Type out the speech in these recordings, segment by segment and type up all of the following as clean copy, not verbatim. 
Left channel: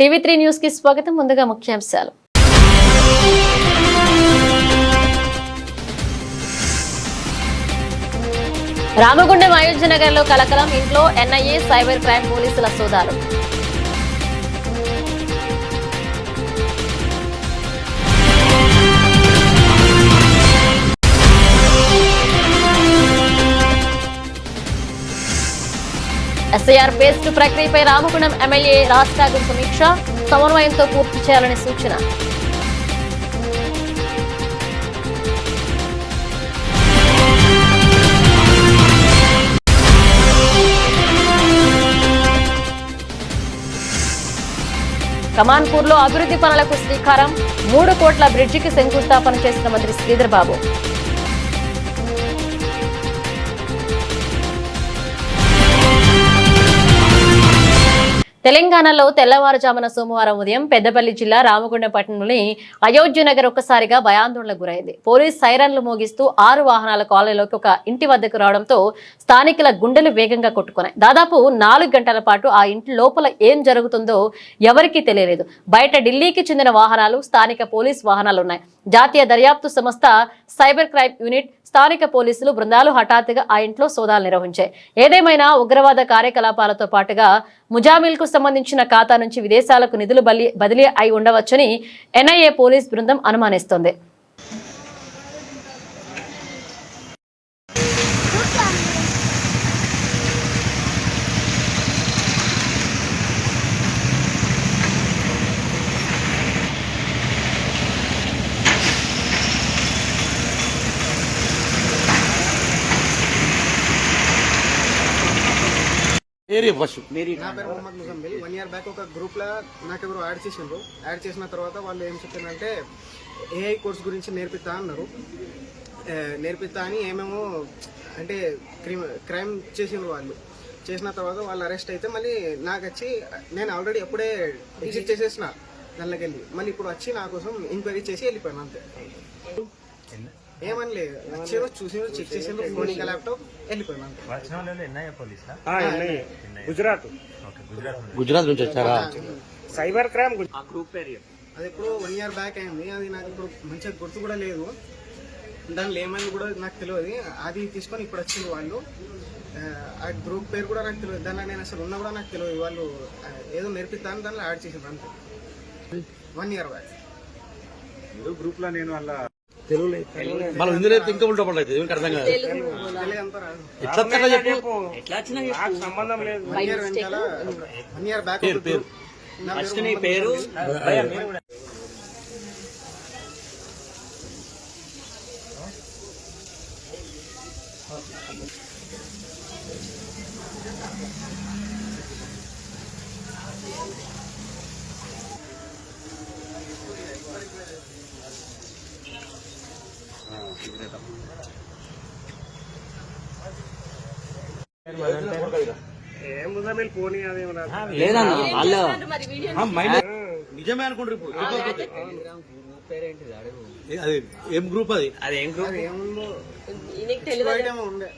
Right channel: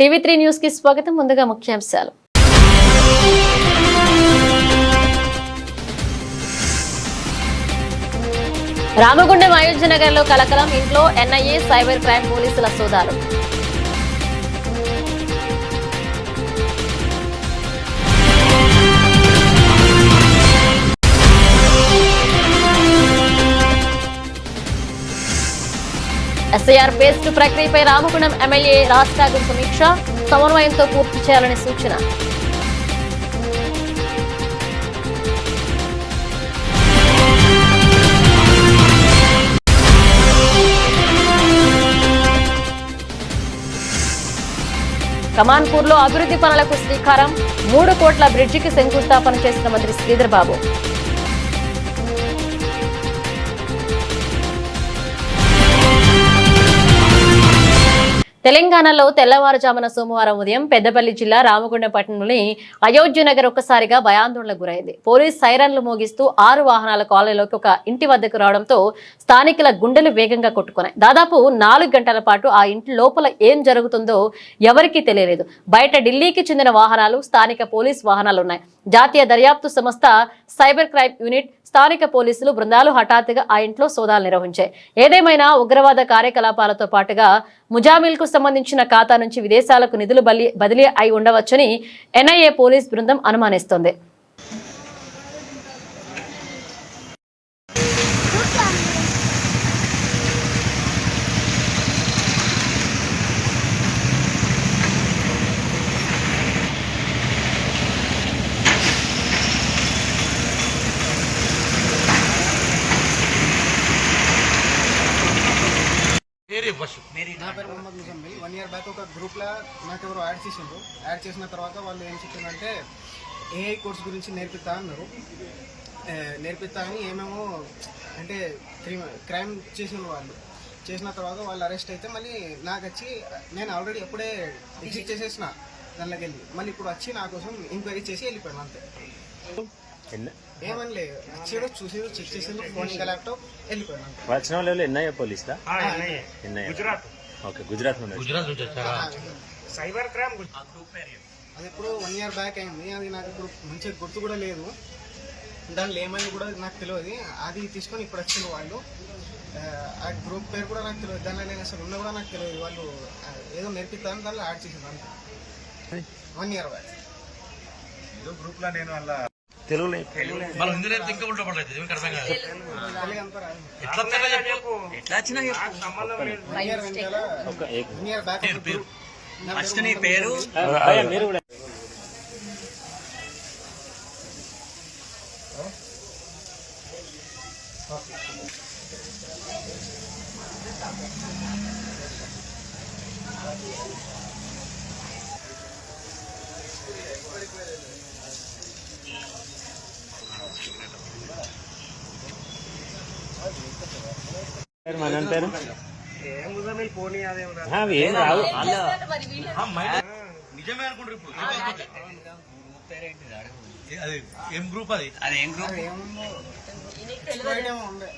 టీవీ3 news కి స్వాగతం. ముందుగా ముఖ్యాంశాలు. రామగుండం అయోధ్య నగర్ లో కలకలం. ఇంట్లో ఎన్ఐఏ సైబర్ క్రైమ్ పోలీసుల సోదాలు. ఎస్ఐఆర్ బేస్డ్ ప్రక్రియపై రామగుండం ఎమ్మెల్యే రాజ్ ఠాకూర్ సమీక్ష. సమన్వయంతో పూర్తి చేయాలని సూచన. కమాన్పూర్ లో అభివృద్ధి పనులకు శ్రీకారం. 3 కోట్ల బ్రిడ్జికి శంకుస్థాపన చేసిన మంత్రి శ్రీధర్ బాబు. తెలంగాణలో తెల్లవారుజామున సోమవారం ఉదయం పెద్దపల్లి జిల్లా రామగుండం పట్టణంలోని అయోధ్య నగర్ ఒక్కసారిగా భయాందోళనకు గురైంది. పోలీస్ సైరన్లు మోగిస్తూ 6 వాహనాల కాలనీలోకి ఒక ఇంటి వద్దకు రావడంతో స్థానికుల గుండెలు వేగంగా కొట్టుకున్నాయి. దాదాపు 4 గంటల పాటు ఆ ఇంటి లోపల ఏం జరుగుతుందో ఎవరికీ తెలియలేదు. బయట ఢిల్లీకి చెందిన వాహనాలు, స్థానిక పోలీస్ వాహనాలు ఉన్నాయి. జాతీయ దర్యాప్తు సంస్థ, సైబర్ క్రైమ్ యూనిట్, స్థానిక పోలీసులు బృందాలు హఠాత్తుగా ఆ ఇంట్లో సోదాలు నిర్వహించాయి. ఏదేమైనా ఉగ్రవాద కార్యకలాపాలతో పాటుగా ముజామిల్ కు సంబంధించిన ఖాతా నుంచి విదేశాలకు నిధులు బదిలీ అయి ఉండవచ్చని ఎన్ఐఏ పోలీస్ బృందం అనుమానిస్తోంది. నా పేరు మొహమ్మద్ ముజమ్మిల్. 1 year బ్యాక్ ఒక గ్రూప్ లో నాకెవరు యాడ్ చేసిండ్రు. యాడ్ చేసిన తర్వాత వాళ్ళు ఏం చెప్పారంటే ఏఐ కోర్స్ గురించి నేర్పిస్తా అన్నారు. నేర్పిస్తా అని ఏమేమో అంటే క్రైమ్ చేసిండ్రు. వాళ్ళు చేసిన తర్వాత వాళ్ళు అరెస్ట్ అయితే మళ్ళీ నాకు వచ్చి నేను ఆల్రెడీ ఎప్పుడే ఎగ్జిట్ చేసేసిన దానిలోకి వెళ్ళి మళ్ళీ ఇప్పుడు వచ్చి నా కోసం ఎంక్వైరీ చేసి వెళ్ళిపోయాను అంతే. ఏమని లేదు, వచ్చి చూసి చెక్ చేసిండ్రు, ఫోన్ ఇంకా ల్యాప్టాప్ వెళ్ళిపోయాను అంతే. గుజరాత్ నుంచి వచ్చారా? సైబర్ క్రైమ్ అది ఎప్పుడు 1 year బ్యాక్ అయింది. అది నాకు ఇప్పుడు మంచిగా గుర్తు కూడా లేదు. దానిలో ఏమైంది కూడా నాకు తెలియదు. అది తీసుకొని ఇప్పుడు వచ్చింది వాళ్ళు. ఆ గ్రూప్ పేరు కూడా నాకు తెలియదు. దానిలో నేను అసలు ఉన్నా కూడా నాకు తెలియదు. వాళ్ళు ఏదో నేర్పిస్తాను దానిలో యాడ్ చేసింది అంతే. 1 year బ్యాక్ ఏదో గ్రూప్ లో నేను అలా తెలుగులో మనం హిందీలో ఇంకా ఉల్టా పడలేదు. ఏమిటి అర్థం కాదు. ఎట్లా వచ్చినా 1 year బ్యాక్ ఫస్ట్ నీ పేరు నిజమే అనుకుంటారు. ఏం గ్రూప్ అది ఏం గ్రూప్ ఏముందో ఉండే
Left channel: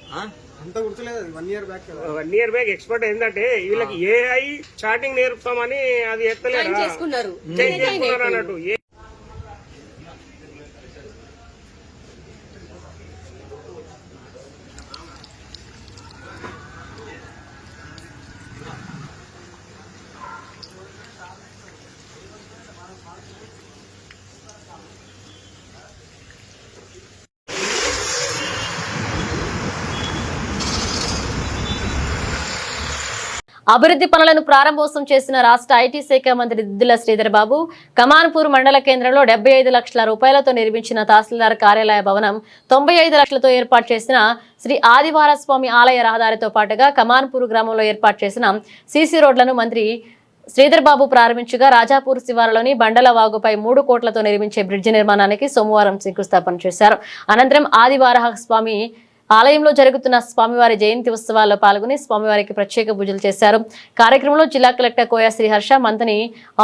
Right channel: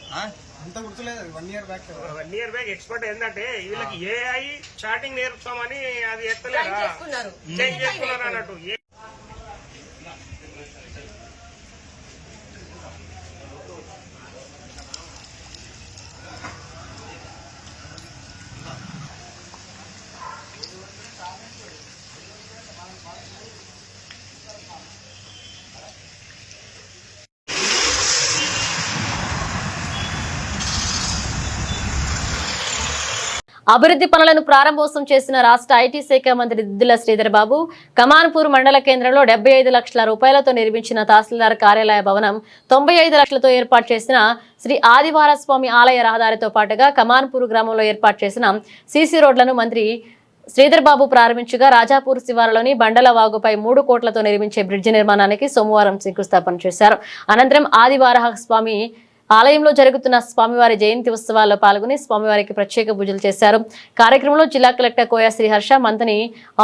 అంత గుర్తులేదు. 1 year back 1 year back expert ఏంటంటే వీళ్ళకి ఏఐ చాటింగ్ నేర్పుతామని అది ఎత్తలేదు అన్నట్టు. అభివృద్ధి పనులను ప్రారంభోత్సవం చేసిన రాష్ట్ర ఐటీ శాఖ మంత్రి దిద్దుల శ్రీధర్ బాబు కమాన్పూర్ మండల కేంద్రంలో 75 లక్షల రూపాయలతో నిర్మించిన తహసీల్దార్ కార్యాలయ భవనం, 95 లక్షలతో ఏర్పాటు చేసిన శ్రీ ఆదివార స్వామి ఆలయ రహదారితో పాటుగా కమాన్పూర్ గ్రామంలో ఏర్పాటు చేసిన సీసీ రోడ్లను మంత్రి శ్రీధర్ బాబు ప్రారంభించగా రాజాపూర్ శివారులోని బండల వాగుపై 3 కోట్లతో నిర్మించే బ్రిడ్జి నిర్మాణానికి సోమవారం శంకుస్థాపన చేశారు. అనంతరం ఆదివార స్వామి ఆలయంలో జరుగుతున్న స్వామివారి జయంతి ఉత్సవాల్లో పాల్గొని స్వామివారికి ప్రత్యేక పూజలు చేశారు. కార్యక్రమంలో జిల్లా కలెక్టర్ కోయ శ్రీహర్ష, మంత్రి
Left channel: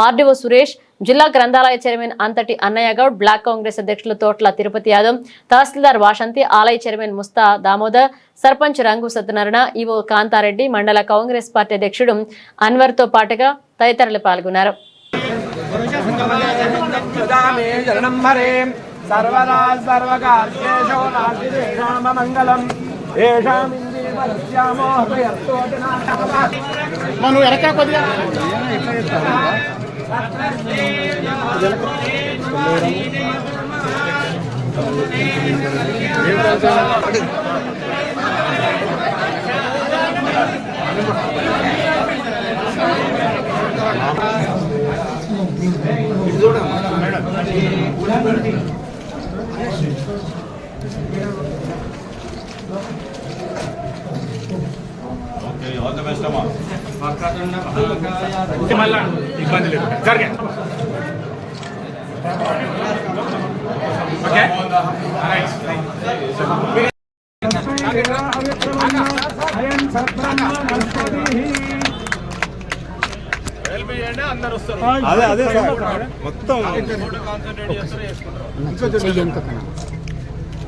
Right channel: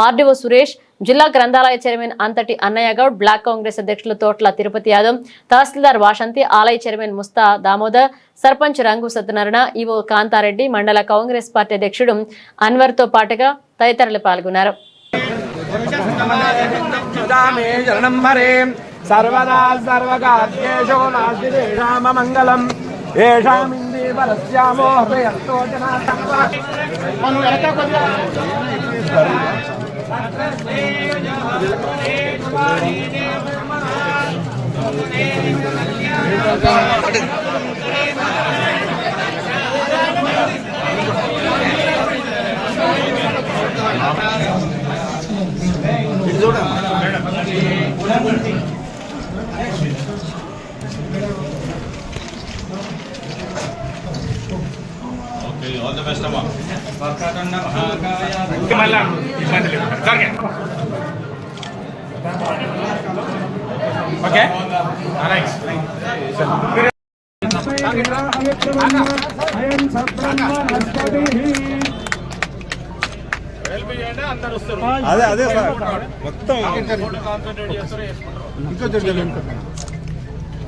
ఆర్డీఓ సురేష్, జిల్లా గ్రంథాలయ చైర్మన్ అంతటి అన్నయ్య గౌడ్, బ్లాక్ కాంగ్రెస్ అధ్యక్షులు తోట్ల తిరుపతి యాదవ్, తహసీల్దార్ వాసంతి, ఆలయ చైర్మన్ ముస్తా దామోదర్, సర్పంచ్ రంగు సత్యనారాయణ, ఈవో కాంతారెడ్డి, మండల కాంగ్రెస్ పార్టీ అధ్యక్షుడు అన్వర్ తో పాటుగా తదితరులు పాల్గొన్నారు. सर्वदा सर्वकार्येषु नास्ति राममङ्गलम् येषाम् इन्द्रिये बलस्यामो हृदयस्तो ఆల్ ది బెస్ట్ అమ్మా. మళ్ళా ఇబ్బంది లేదు జరిగే ఓకే అదే అదే సార్ మొత్తం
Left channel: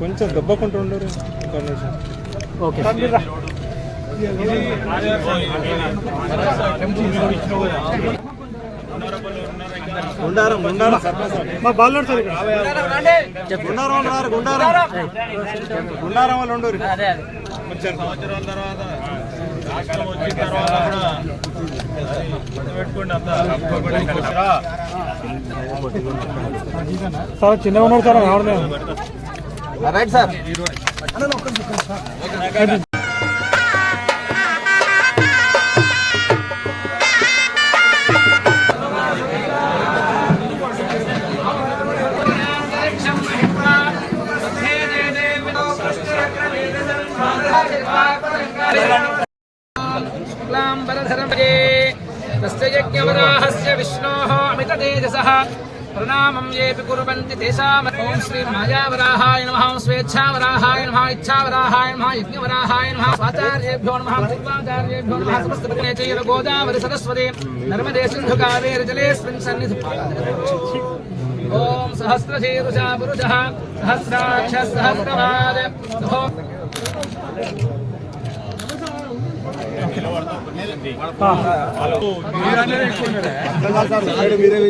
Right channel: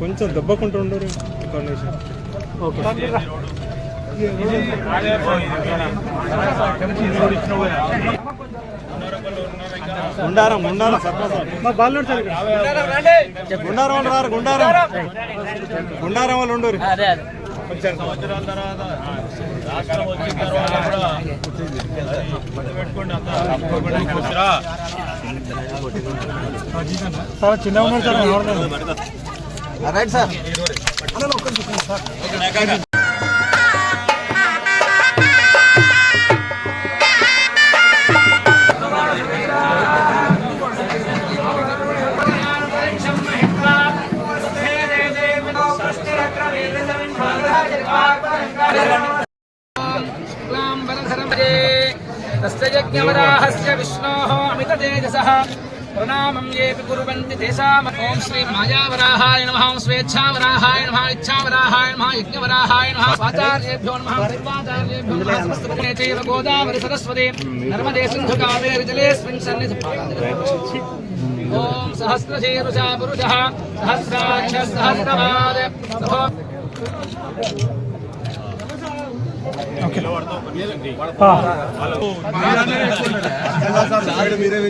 కొంచెం దెబ్బకుంటూ ఉండరు గుండారం గుండారం మా బాలు సార్ గుండారం రారు గుండారం వాళ్ళు ఉండరు సంవత్సరాల తర్వాత రాష్ట్రం వచ్చిన తర్వాత కూడా పెట్టుకోండి అంతా సార్ చిన్నగా ఉన్నారు సార్ రైట్ సార్ यज्ञवराहस्य विष्णोः अमिततेजसः प्रणामं येऽपि कुर्वन्ति तेषाम् ॐ श्री मायावराहाय नमः ॐ स्वेच्छावराहाय नमः इच्छावराहाय नमः यज्ञवराहाय नमः स्वाचार्येभ्यो नमः पूर्वाचार्येभ्यो नमः समस्तपुण्ये चैव गोदावरि सरस्वती नर्मदे सिन्धु कावेरि जलेऽस्मिन् सन्निधिं ॐ सहस्रशीर्षा पुरुषः सहस्राक्षः सहस्रपाद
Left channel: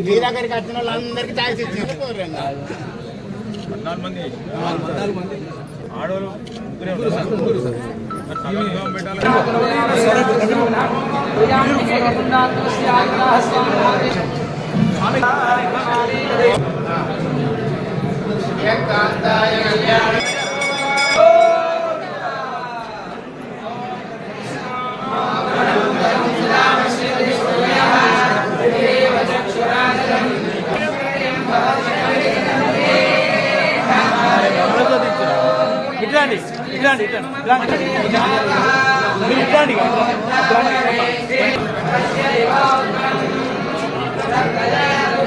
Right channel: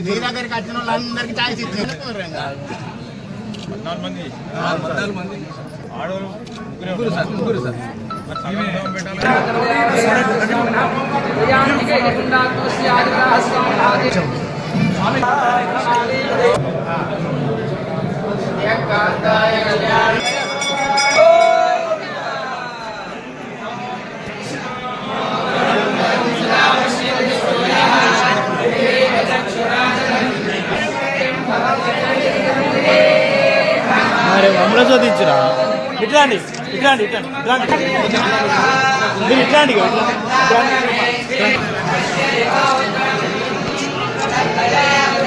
మీ దగ్గరికి వచ్చిన వాళ్ళందరికీ ఛాయిస్ ఇచ్చింది 14 మంది ఆడవాళ్ళు ముగ్గురు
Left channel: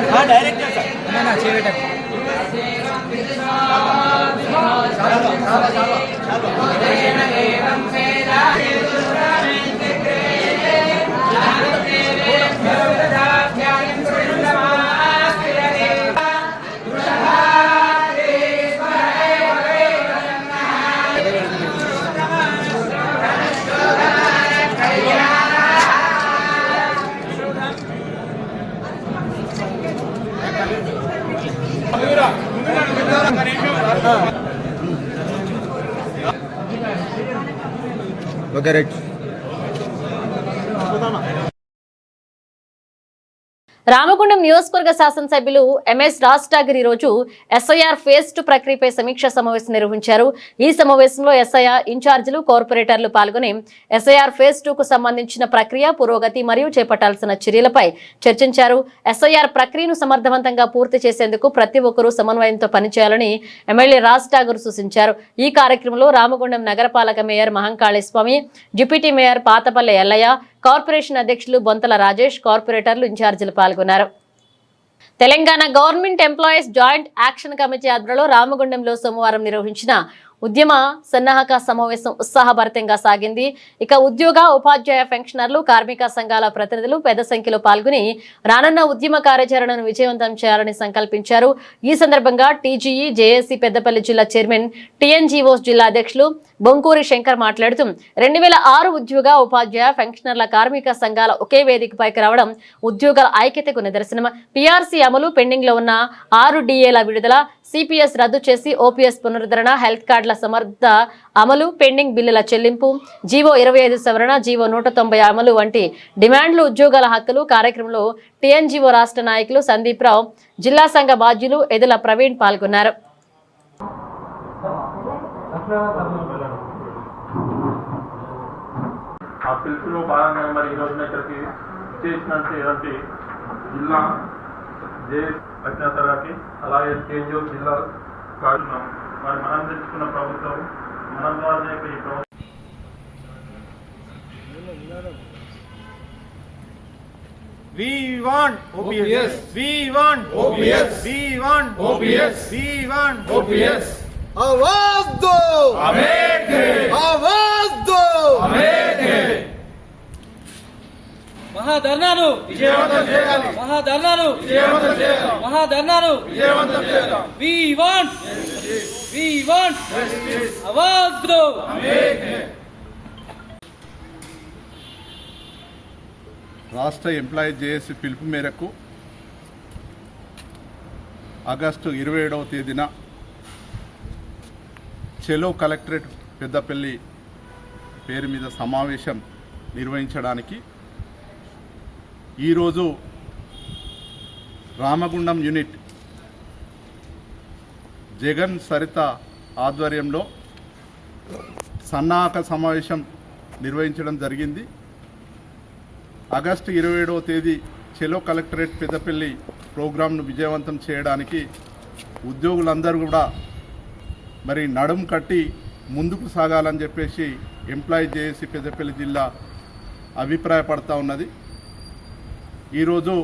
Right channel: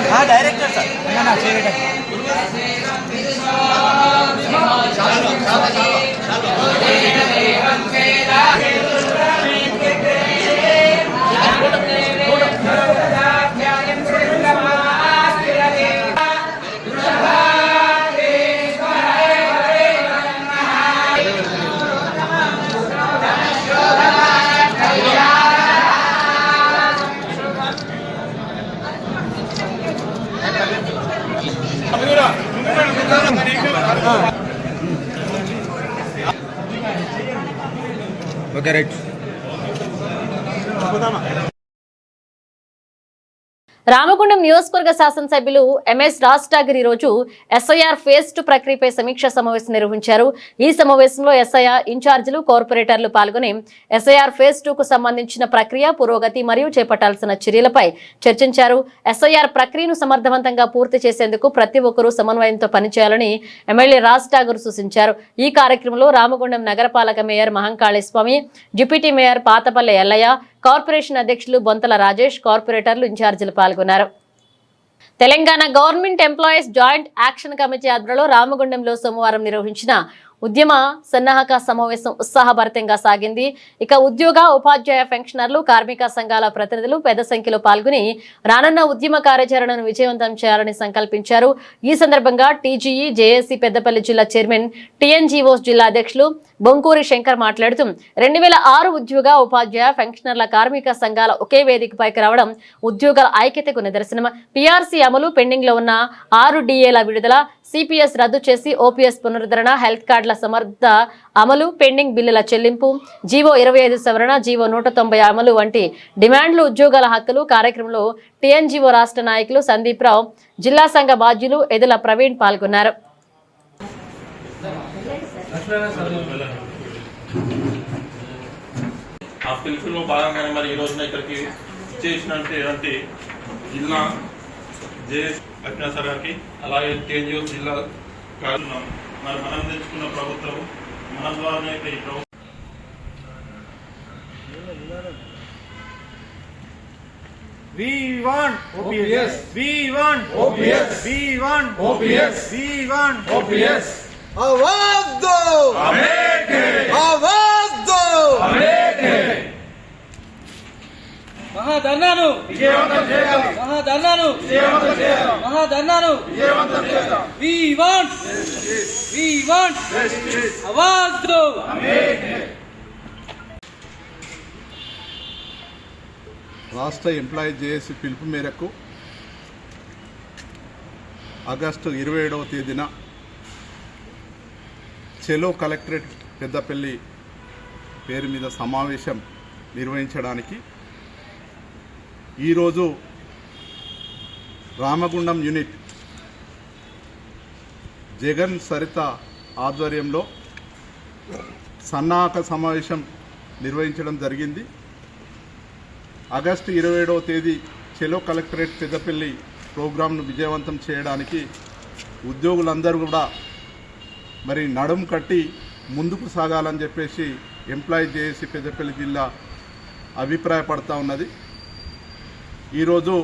సార్ డైరెక్టర్ సార్ అన్నా చేయటం రామగుండం నియోజకవర్గ శాసనసభ్యులు ఎంఎస్ రాజ్ ఠాకూర్ ఈ రోజు ఎస్ఐఆర్ ఫేజ్ 2 ప్రక్రియపై సమీక్షా సమావేశం నిర్వహించారు. ఈ సమావేశంలో ఎస్ఐఆర్ ఇన్ఛార్జీలు కార్పొరేటర్లు పాల్గొని ఎస్ఐఆర్ ఫేజ్ 2 కు సంబంధించిన ప్రక్రియ పురోగతి మరియు చేపట్టాల్సిన చర్యలపై చర్చించారు. ఎస్ఐఆర్ ప్రక్రియను సమర్థవంతంగా పూర్తి చేసేందుకు ప్రతి ఒక్కరూ సమన్వయంతో పనిచేయాలని ఎమ్మెల్యే రాజ్ ఠాకూర్ సూచించారు. ఈ కార్యక్రమంలో రామగుండం నగరపాలక మేయర్ మహంకాళి స్వామి, డిప్యూటీ మేయర్ పాతపల్లె ఎల్లయ్య, కార్పొరేషన్ అధ్యక్షులు బొంతల రాజేష్, కార్పొరేటర్లు ఇన్ఛార్జీలు పాల్గొన్నారు. Telangana government employees joint action committee ఆధ్వర్యంలో రామగుండంలో సోమవారం నిర్వహించిన ఉద్యమ సన్నాహక సమావేశం ఉత్సాహభరితంగా సాగింది. ఇక ఉద్యోగ, ఉపాధ్యాయ పెన్షనర్లు, కార్మిక సంఘాల ప్రతినిధులు పెద్ద సంఖ్యలో పాల్గొని రానున్న ఉద్యమ కార్యాచరణను విజయవంతం చేయాలని సంకల్పించారు. ఈ సందర్భంగా టీజీఈ, జేఏసీ పెద్దపల్లి జిల్లా చైర్మన్, టీఎన్జీఓస్ జిల్లా అధ్యక్షులు బొంకూరి శంకర్ మాట్లాడుతూ 2006 ఉద్యోగ ఉపాధ్యాయ పెన్షనర్ల కార్మిక సంఘాల ఒకే వేదికపైకి రావడం ఉద్యోగాల ఐక్యతకు నిదర్శనం. పీఆర్సీ అమలు, పెండింగ్ లో ఉన్న 6 డిఏల విడుదల, సిపిఎస్ రద్దు చేసి ఓపీఎస్ పునరుద్ధరణ, హెల్త్ కార్డుల సమర్థ అమలు, పెండింగ్ బిల్లుల చెల్లింపు, జీవో 25 సవరణ, జీవో 190 అమలు వంటి డిమాండ్లు, ఉద్యోగాల హక్కులు కార్యక్రమంలో టీఎన్జీఓ రాష్ట్ర నాయకులు సందీప్ రావు, జిల్లా సంఘ బాధ్యులు ఎదుల ప్రవీణ్ పాల్గొన్నారు. ఆ పిలుపులో భాగంగానే మరి ఈ రోజున ఇక్కడికి చేసినటువంటి జిల్లా జేఎస్ అజ్ఞాసర్ గారికి, అలాగే టీఎన్జిఓ జిల్లా కారణం మరి మనం తెచ్చుకున్న ప్రభుత్వం మన ద్వారానే ఈ ప్రభుత్వం We want OPS. We want OPS. We want OPS. We want OPS. आवाज दो, आवाज दो, మహాధర్నాను విజయవంతం చేయాలి. మహాధర్నాను విజయవంతం చేయాలి. మహాధర్నాను విజయవంతం చేయాలి. వి వాంట్ ఆవాజ్ దో. రాష్ట్ర ఎంప్లాయీ జేఏసీ పిలుపు మేరకు ఆగస్టు 27వ తేదీన చెలో కలెక్టరేట్ పెద్దపల్లి పేరు మీద సమావేశం నిర్వహించడానికి ఈరోజు రామగుండం యూనిట్ జగన్ సరిత ఆధ్వర్యంలో సన్నాహక సమావేశం నిర్వహించడం జరిగింది. ఆగస్టు 27వ తేదీ చెలో కలెక్టరేట్ పెద్దపల్లి ప్రోగ్రాంను విజయవంతం చేయడానికి ఉద్యోగులందరూ కూడా మరి నడుం కట్టి ముందుకు సాగాలని చెప్పేసి ఎంప్లాయీ జేఏసీ పెద్దపల్లి జిల్లా అభిప్రాయపడతా ఉన్నది. ఈరోజు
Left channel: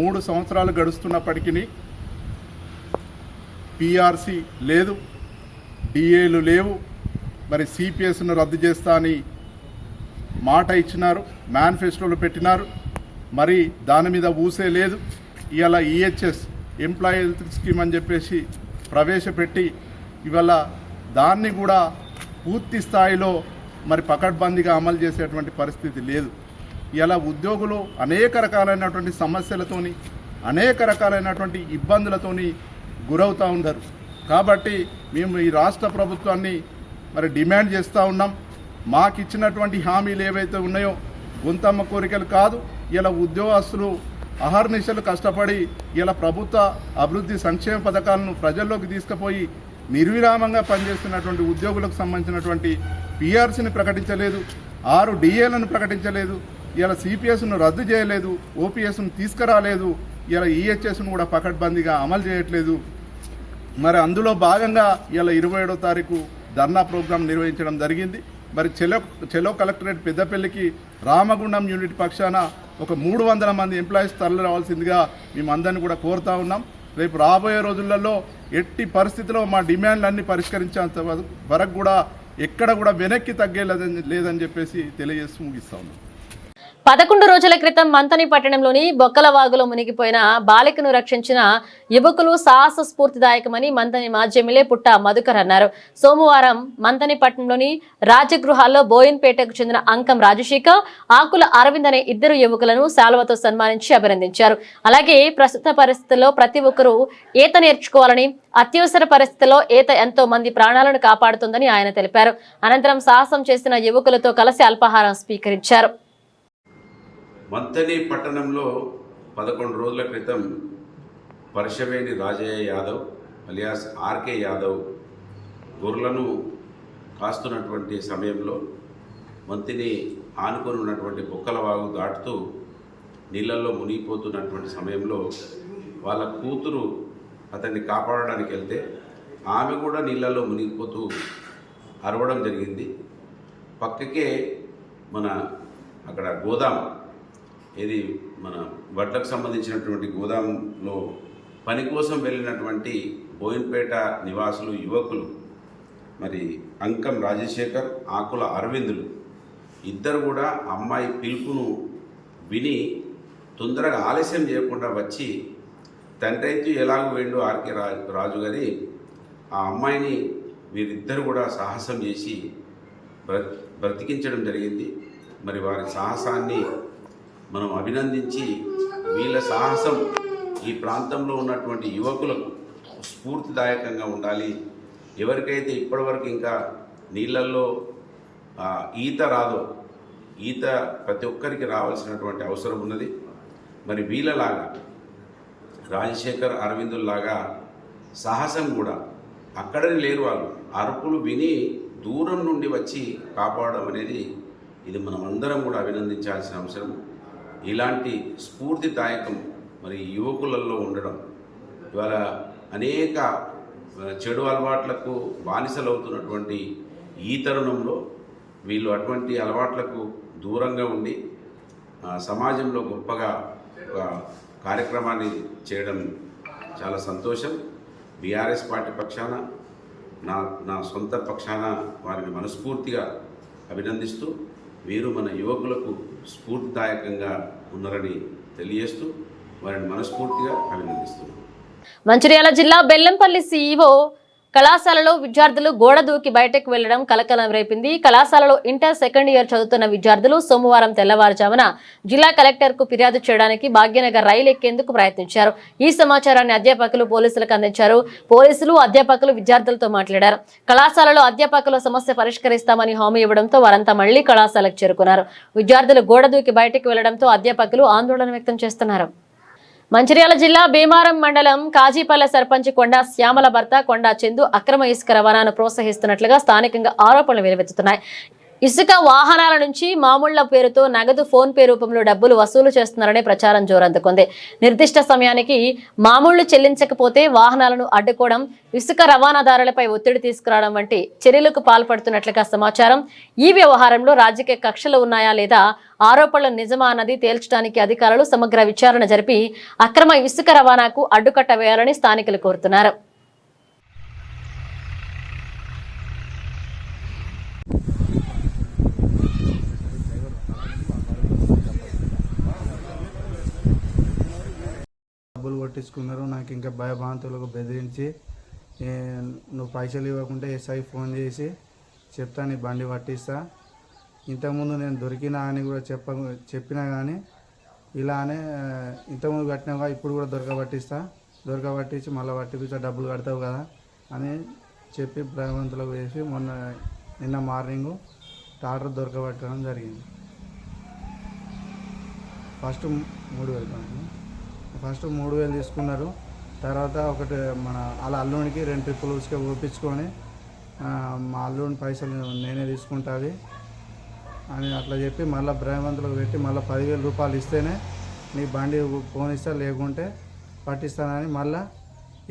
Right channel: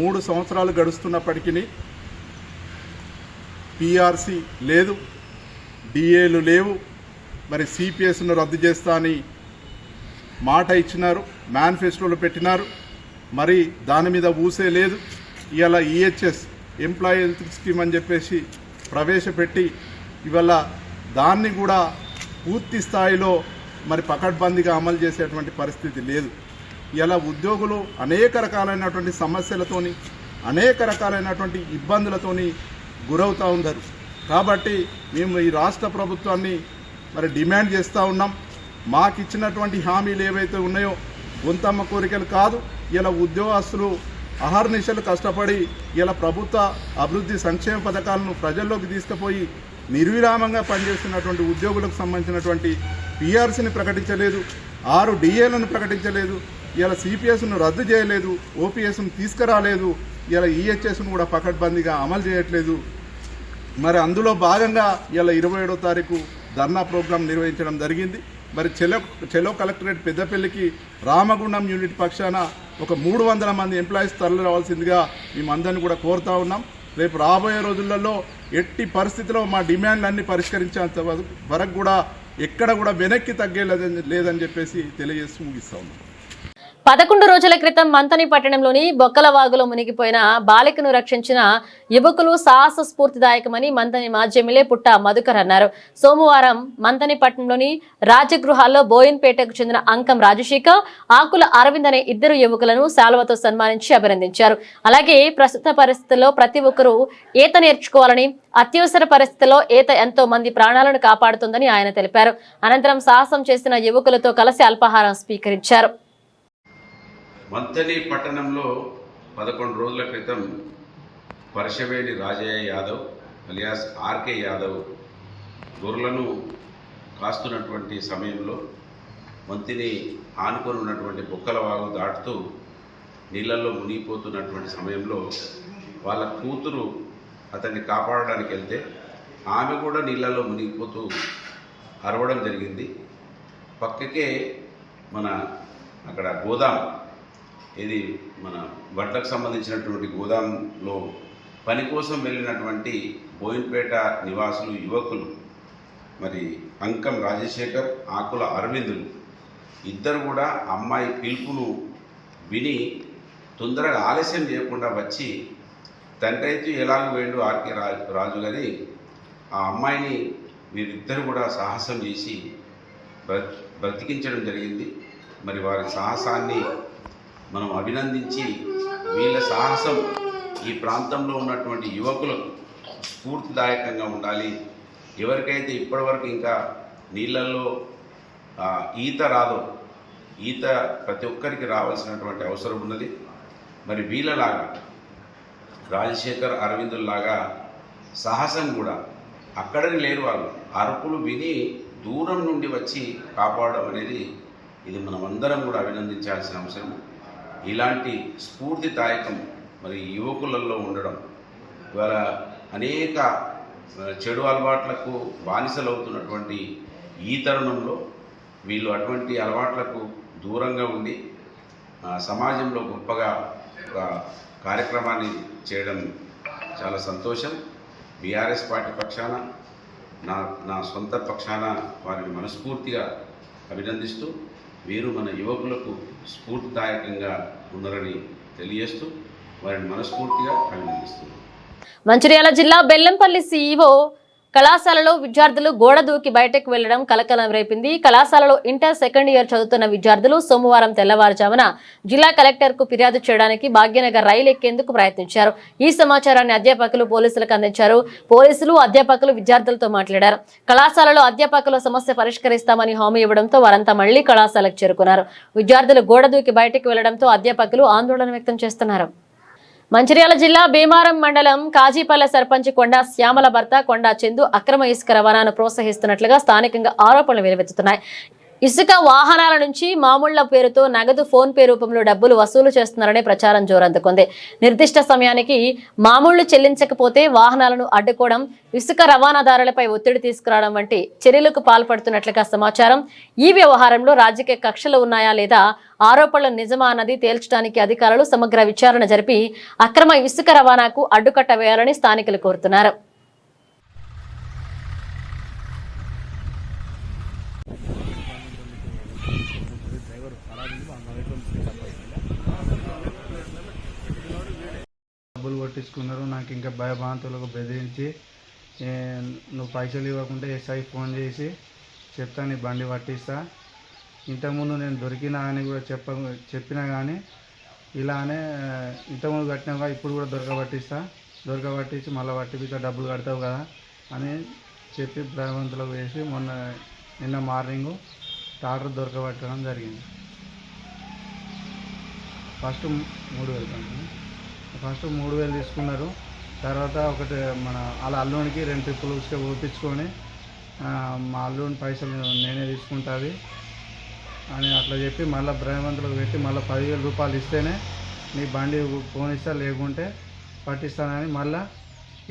3 సంవత్సరాలు గడుస్తున్నప్పటికీ పీఆర్సీ లేదు, డిఏలు లేవు, మరి సిపిఎస్ను రద్దు చేస్తా అని మాట ఇచ్చినారు, మేనిఫెస్టోలో పెట్టినారు, మరి దాని మీద ఊసే లేదు. ఇవాళ ఈహెచ్ఎస్ ఎంప్లాయీ హెల్త్ స్కీమ్ అని చెప్పేసి ప్రవేశపెట్టి ఇవాళ దాన్ని కూడా పూర్తి స్థాయిలో మరి పకడ్బందీగా అమలు చేసేటువంటి పరిస్థితి లేదు. ఇలా ఉద్యోగులు అనేక రకాలైనటువంటి సమస్యలతోని, అనేక రకాలైనటువంటి ఇబ్బందులతోని గురవుతూ ఉన్నారు. కాబట్టి మేము ఈ రాష్ట్ర ప్రభుత్వాన్ని మరి డిమాండ్ చేస్తూ ఉన్నాం. మాకు ఇచ్చినటువంటి హామీలు ఏవైతే ఉన్నాయో గొంతమ్మ కోరికలు కాదు. ఇలా ఉద్యోగస్తులు అహర్నిశలు కష్టపడి ఇలా ప్రభుత్వ అభివృద్ధి సంక్షేమ పథకాలను ప్రజల్లోకి తీసుకుపోయి నిర్విరామంగా పనిచేస్తున్నటువంటి ఉద్యోగులకు సంబంధించినటువంటి పీఆర్సీని ప్రకటించలేదు, 6 డిఏలను ప్రకటించలేదు, ఇలా సిపిఎస్ను రద్దు చేయలేదు, ఓపీఎస్ను తీసుకురాలేదు, ఇలా ఈహెచ్ఎస్ను కూడా పకడ్బందీగా అమలు చేయట్లేదు. మరి అందులో భాగంగా ఇలా 27వ తారీఖు ధర్నా ప్రోగ్రాం నిర్వహించడం జరిగింది. మరి చెలో కలెక్టరేట్ పెద్దపల్లికి రామగుండం యూనిట్ పక్షాన ఒక 300 మంది ఎంప్లాయీస్ తరలి రావాల్సిందిగా మేమందరినీ కూడా కోరుతా ఉన్నాం. రేపు రాబోయే రోజులలో ఎట్టి పరిస్థితిలో మా డిమాండ్లన్నీ పరిష్కరించేంత వరకు కూడా ఎక్కడ కూడా వెనక్కి తగ్గేలేదని చెప్పేసి తెలియజేస్తూ ముగిస్తా ఉన్నాం. 11 రోజుల క్రితం మంతని పట్టణంలోని బొక్కలవాగులో మునిగిపోయిన బాలికను రక్షించిన యువకులు సాహస స్ఫూర్తిదాయకమని మంతని మాజీ ఎమ్మెల్యే పుట్ట మధుకర్ అన్నారు. సోమవారం మంతని పట్టణంలోని రాజగృహాల్లో బోయిన్పేటకు చెందిన అంకం రాజశేఖర్, ఆకుల అరవింద్ అనే 2 యువకులను శాలువతో సన్మానించి అభినందించారు. అలాగే ప్రస్తుత పరిస్థితుల్లో ప్రతి ఒక్కరూ ఈత నేర్చుకోవాలని, అత్యవసర పరిస్థితుల్లో ఈత ఎంతో మంది ప్రాణాలను కాపాడుతుందని ఆయన తెలిపారు. అనంతరం సాహసం చేసిన యువకులతో కలిసి అల్పాహారం స్వీకరించారు. మంతని పట్టణంలో 11 రోజుల క్రితం పరశవేణి రాజయ్య యాదవ్ అలియాస్ ఆర్కే యాదవ్ గొర్రెలను కాస్తున్నటువంటి సమయంలో మంతిని ఆనుకొని ఉన్నటువంటి బొక్కలవాగు దాటుతూ నీళ్ళల్లో మునిగిపోతున్నటువంటి సమయంలో వాళ్ళ కూతురు అతన్ని కాపాడడానికి వెళ్తే ఆమె కూడా నీళ్ళల్లో మునిగిపోతూ అరవడం జరిగింది. పక్కకే మన అక్కడ గోదాం, ఇది మన వడ్లకు సంబంధించినటువంటి గోదాంలో పని కోసం వెళ్ళినటువంటి బోయిన్పేట నివాసులు యువకులు మరి అంకం రాజశేఖర్, ఆకుల అరవిందులు ఇద్దరు కూడా అమ్మాయి పిలుపును విని తొందరగా ఆలస్యం చేయకుండా వచ్చి తండ్రి అయితే ఎలాగో వేండు ఆర్కే రాజు గారి ఆ అమ్మాయిని వీరిద్దరు కూడా సాహసం చేసి బ్రతికించడం జరిగింది. మరి వారి సాహసాన్ని మనం అభినందించి వీళ్ళ సాహసం ఈ ప్రాంతంలో ఉన్నటువంటి యువకులకు స్ఫూర్తిదాయకంగా ఉండాలి. ఎవరికైతే ఇప్పటివరకు ఇంకా నీళ్ళల్లో ఈత రాదో, ఈత ప్రతి ఒక్కరికి రావాల్సినటువంటి అవసరం ఉన్నది. మరి వీళ్ళలాగా రాజశేఖర్ అరవిందుల్లాగా సాహసం కూడా అక్కడనే లేరు. వాళ్ళు అరుపులు విని దూరం నుండి వచ్చి కాపాడడం అనేది ఇది మనం అందరం కూడా అభినందించాల్సిన అవసరం. ఇలాంటి స్ఫూర్తిదాయకం మరి యువకులలో ఉండడం, ఇవాళ అనేక చెడు అలవాట్లకు బానిసలవుతున్నటువంటి ఈ తరుణంలో వీళ్ళు అటువంటి అలవాట్లకు దూరంగా ఉండి సమాజంలో గొప్పగా ఒక కార్యక్రమాన్ని చేయడం చాలా సంతోషం. బీఆర్ఎస్ పార్టీ పక్షాన నా సొంత పక్షాన వారిని మనస్ఫూర్తిగా అభినందిస్తూ వీరు మన యువకులకు స్ఫూర్తిదాయకంగా ఉన్నారని తెలియజేస్తూ వారిని మనస్ఫూర్తిగా అభినందిస్తున్నారు. మంచిర్యాల జిల్లా బెల్లంపల్లి సీఈఓ కళాశాలలో విద్యార్థులు గోడ దూకి బయటకు వెళ్లడం కలకలం రేపింది. కళాశాలలో ఇంటర్ సెకండ్ ఇయర్ చదువుతున్న విద్యార్థులు సోమవారం తెల్లవారుజామున జిల్లా కలెక్టర్ కు ఫిర్యాదు చేయడానికి భాగ్యనగర్ రైలు ఎక్కేందుకు ప్రయత్నించారు. ఈ సమాచారాన్ని అధ్యాపకులు పోలీసులకు అందించారు. పోలీసులు అధ్యాపకులు విద్యార్థులతో మాట్లాడారు. కళాశాలలో అధ్యాపకుల సమస్య పరిష్కరిస్తామని హామీ ఇవ్వడంతో వారంతా మళ్లీ కళాశాలకు చేరుకున్నారు. విద్యార్థులు గోడ దూకి బయటకు వెళ్లడంతో అధ్యాపకులు ఆందోళన వ్యక్తం చేస్తున్నారు. మంచిర్యాల జిల్లా భీమారం మండలం కాజీపల్లె సర్పంచ్ కొండా శ్యామల భర్త కొండా చందు అక్రమ ఇసుక రవాణాను ప్రోత్సహిస్తున్నట్లుగా స్థానికంగా ఆరోపణలు వెలువెత్తుతున్నాయి. ఇసుక వాహనాల నుంచి మామూళ్ల పేరుతో నగదు ఫోన్ పే రూపంలో డబ్బులు వసూలు చేస్తున్నారనే ప్రచారం జోరందుకుంది. నిర్దిష్ట సమయానికి మామూళ్లు చెల్లించకపోతే వాహనాలను అడ్డుకోవడం, ఇసుక రవాణాదారులపై ఒత్తిడి తీసుకురావడం వంటి చర్యలకు పాల్పడుతున్నట్లుగా సమాచారం. ఈ వ్యవహారంలో రాజకీయ కక్షలు ఉన్నాయా లేదా, ఆరోపణలు నిజమా అన్నది తేల్చడానికి అధికారులు సమగ్ర విచారణ జరిపి అక్రమ ఇసుక రవాణాకు అడ్డుకట్ట వేయాలని స్థానికులు కోరుతున్నారు. డబ్బులు కొట్టించుకున్నారు. నాకు ఇంకా భయభ్రాంతులకు బెదిరించి నువ్వు పైసలు ఇవ్వకుంటే ఎస్ఐ ఫోన్ చేసి చెప్తా, నీ బండి పట్టిస్తా. ఇంతకుముందు నేను దొరికినా అని కూడా చెప్పినా కానీ ఇలానే ఇంతకుముందు కట్టినావా ఇప్పుడు కూడా దొరకబట్టించి మళ్ళీ పట్టిపిస్తా, డబ్బులు కడతావు కదా అని చెప్పి భయభ్రాంతులకు వేసి నిన్న మార్నింగ్ టాటర్ దొరకబట్టడం జరిగింది. ఫస్ట్ 3,000 తీసుకున్నారు. తర్వాత ఒకటి వాళ్ళ అల్లునికి 2 ట్రిప్పులు ఉసుక పోపించుకొని మా అల్లుని పైసలు నేనే తీసుకుంటుంది అని అట్లా చెప్పి మళ్ళీ భయవంతులకు పెట్టి మళ్ళీ 10,000 రూపాయలు ఇస్తేనే నీ బండి ఫోన్ ఇస్తా, లేకుంటే పట్టిస్తానని మళ్ళీ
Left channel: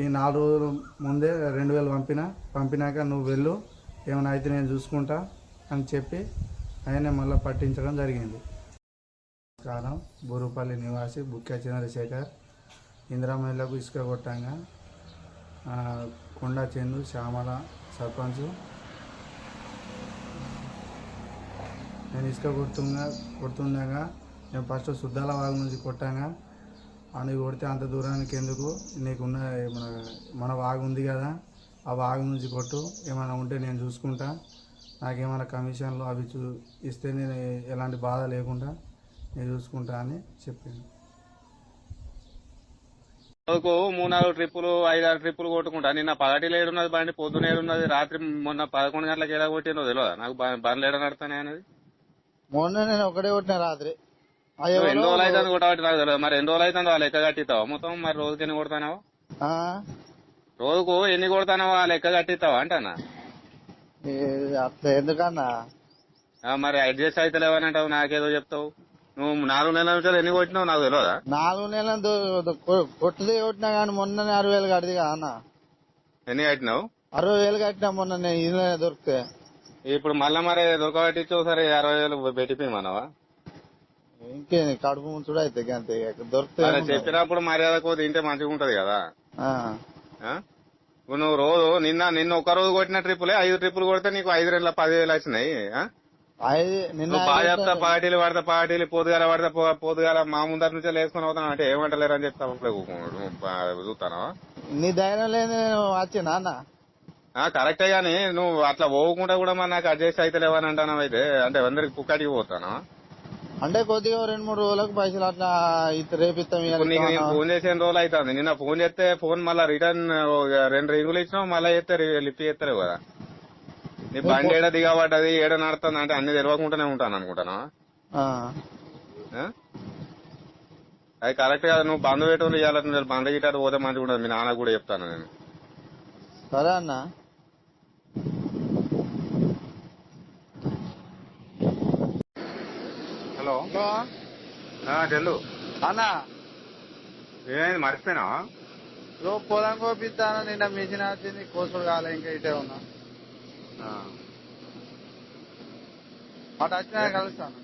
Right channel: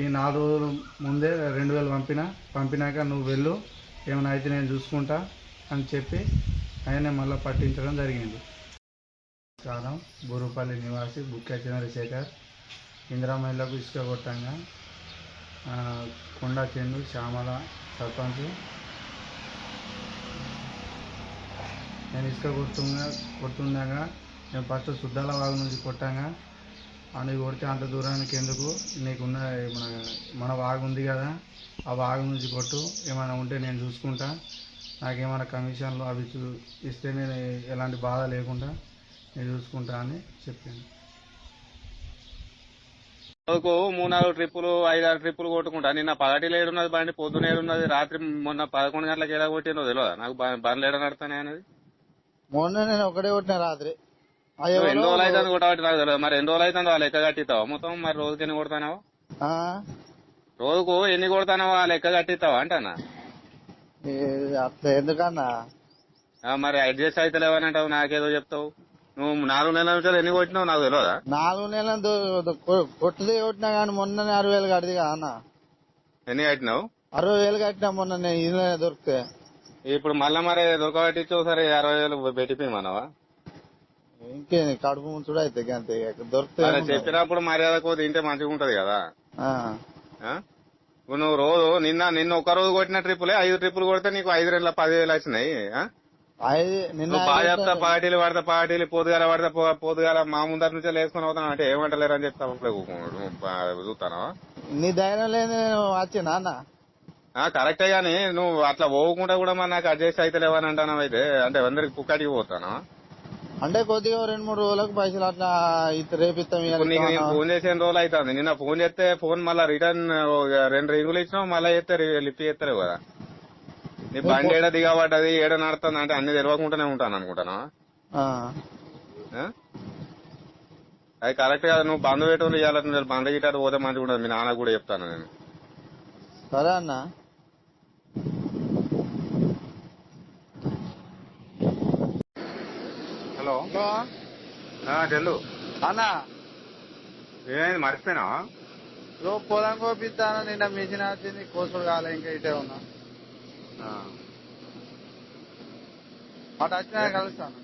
ఈ 4 రోజుల ముందే 2,000 పంపినాక నువ్వు వెళ్ళు, ఏమైనా అయితే నేను చూసుకుంటా అని చెప్పి ఆయనే మళ్ళీ పట్టించడం జరిగింది. నమస్కారం. బూరుపల్లి నివాసి బుక్కా చంద్రశేఖర్. ఇందిరా మహిళలకు ఇసుక కొట్టంగా కొండా చందు శ్యామల సర్పంచ్. నేను ఇసుక కొడుతుండగా నేను ఫస్ట్ సుద్దాల వాగు నుంచి కొట్టంగా అని కొడితే అంత దూరానికి ఎందుకు, నీకున్న మన వాగు ఉంది కదా ఆ వాగు నుంచి కొట్టు, ఏమైనా ఉంటే నేను చూసుకుంటా, నాకేమైనా కమిషన్లు అవి ఇస్తే నేను ఎలాంటి బాధ లేకుండా నేను చూసుకుంటా అని చెప్పింది. రోజుకు 3-4 ట్రిప్పులు 5-6 ట్రిప్పులు కొట్టుకుంటా. నిన్న పగటిలో ఏడున్నది బండి, పొద్దున ఏడున్నది, రాత్రి మొన్న 11 గంటలకు ఎలా కొట్టినో తెలియదా నాకు? బండ్లు ఏడ నడతానే అనేది మొన్న నేను ఒకటే కొట్టిన రాత్రి. ఎన్ని రోజులు అవుతుంది కొట్టబట్టి నాకు తెలియదు. మరి ఎన్ని రోజులు అవుతుంది ఆ లెక్క కట్టిస్తావా మొత్తం? మరి రోజుకి ఎన్ని కొడతానావా? రోజుకు ఎన్ని కొడతానావా ఆ లెక్క కట్టిస్తావా అంటానా? అట్లా ఎందుకన్నా మరి అడ్జస్ట్ అయితే లేవని అంటావు, నాకేదో చెప్తావు. నువ్వు 4 నెలల నుంచి ఎన్ని కొట్టినావు నాకు తెలియదా? 4 నెలలు కొట్టది కొట్టినా కానీ మొన్న 60,000 కట్టింది కదా అన్న. ఎన్ని కట్టినావు? 60,000 కట్టినా మొన్న నేను ఇల్లు దొరికితే. ఇప్పుడు మళ్ళా మరి దొరకబట్టించు సరే 60,000 పెట్టిపోయి మనవా? ఇంకేంది కడుపు ముంచుడు అయితే అంతే దొరికితే. చెప్పినప్పుడు మర్యాద కోది తింటే మంచిగా ఉంటది కదా. నువ్వు రోజు నిన్న ఒక రోజు కొట్టిన ట్రిప్పులే 5 ట్రిప్పులు కొడితే నీకు 5 నెలల 10,000 వచ్చినాయి. బాగా చెప్తా, పార్టీలు పడతా, పార్టీలు పొద్దుగాల పడతా, పొద్దుగాల మా ముందర నుంచి వేసుకుని అవుతాను అంటే ఏమంటలేరు అని చెప్తా చూస్తానా? నీ ధైర్యం లేదు వచ్చినా అన్న. కరెక్టే గానీ నువ్వు అట్లా పోకుండా కూడా మరి నాకు అడ్జస్ట్ అయితే లేవని అంటాను అయితే అంటే అందరికి కుక్కడికి పోతాను. అంటే కొద్దిగా 2-3 రోజులకు పైసలు అట్లా రేపిస్తాం. ఇప్పుడు నీకు నేను ఫోన్ చేసిన రోజులు అవుతుంది. నిన్న ఫోన్ చేస్తే ఫోన్ మళ్ళీ రిటర్న్ 2 రింగులు ఇచ్చినావు, మళ్ళీ చేస్తే లిఫ్ట్ చేస్తలేవు కదా. నీ బండి ఏడ దిగబడ్డది ఏడ నడుతుంది అంటే అన్ని తెలియకుండానే ఉంటాను అనుకుంటాను. అది కరెక్ట్ కాదు. నువ్వు బంద్ పెట్టుకుని ఇవ్వాలి. బంద్ గిట్టారు పోతే మంచిగా ఉండదు. మీ నాన్న కూడా చెప్తాను నేను. సరే అన్న. హలో చెల్లు అన్న ఏమైంది మర్చిపోయినా? పొలం కోపిస్తాను. నిన్న మిషన్ వచ్చింది, కోసుడు కాలే, ఇంకా ఇటే ఉన్నా. అటు వచ్చినా కలుస్తాను.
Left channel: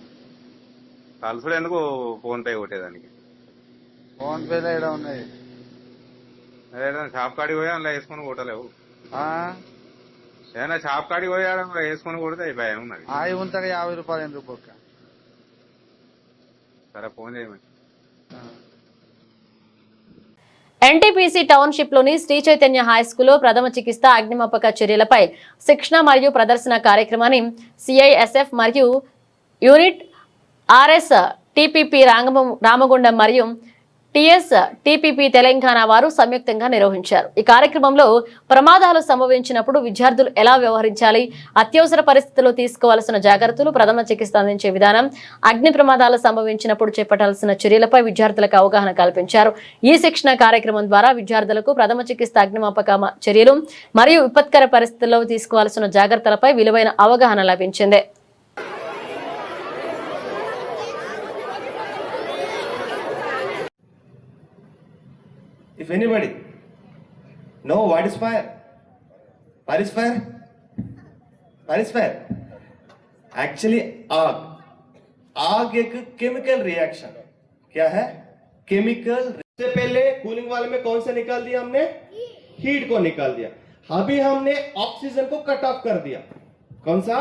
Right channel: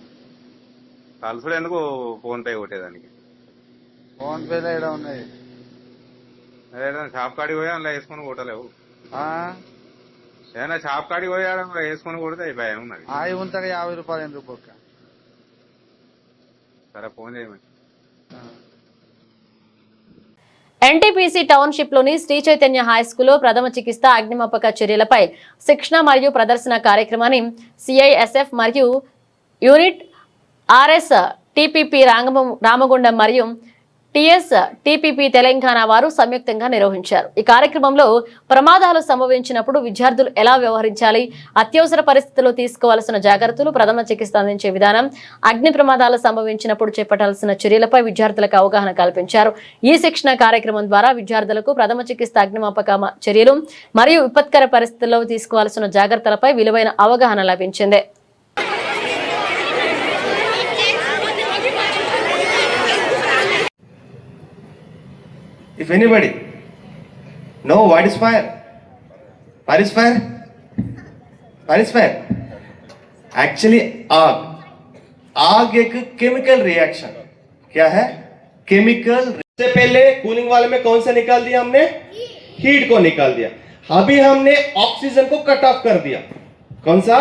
కలుసుడు ఎందుకు? Phone pay కొట్టేదానికి. ఫోన్ పేలో ఇక్కడ ఉన్నాయి. ఏదైనా షాప్ కాడికి పోయా అందులో వేసుకొని కొట్టలేవు. ఏదైనా షాప్ కాడికి పోయా వేసుకొని కొడితే భయం ఉన్నది. అవి ఉంటాయి 50 రూపాయలు ఎందుకు పక్క. సరే ఫోన్ చేయమని. ఎన్టీపీసీ టౌన్షిప్ లోని శ్రీ చైతన్య హై స్కూల్లో ప్రథమ చికిత్స అగ్నిమాపక చర్యలపై శిక్షణ మరియు ప్రదర్శన కార్యక్రమాన్ని సిఐఎస్ఎఫ్ మరియు యూనిట్ ఆర్ఎస్ టీపీపీ రామగుండం మరియు టిఎస్ టీపీపీ తెలంగాణ వారు సంయుక్తంగా నిర్వహించారు. ఈ కార్యక్రమంలో ప్రమాదాలు సంభవించినప్పుడు విద్యార్థులు ఎలా వ్యవహరించాలి, అత్యవసర పరిస్థితుల్లో తీసుకోవాల్సిన జాగ్రత్తలు, ప్రథమ చికిత్స అందించే విధానం, అగ్ని ప్రమాదాలు సంభవించినప్పుడు చేపట్టాల్సిన చర్యలపై విద్యార్థులకు అవగాహన కల్పించారు. ఈ శిక్షణ కార్యక్రమం ద్వారా విద్యార్థులకు ప్రథమ చికిత్స, అగ్నిమాపక చర్యలు మరియు విపత్కర పరిస్థితుల్లో తీసుకోవాల్సిన జాగ్రత్తలపై విలువైన అవగాహన లభించింది. If anybody know what is fire? What is fire? What is fire? Actually आग. आग एक केमिकल रिएक्शन. क्या है? केमिकल. से पहले कूलिंग वाले में कौन सा निकाल दिया हमने? हीट को निकाल दिया. अभी हमने ऑक्सीजन को कट ऑफ कर दिया. कौन सा?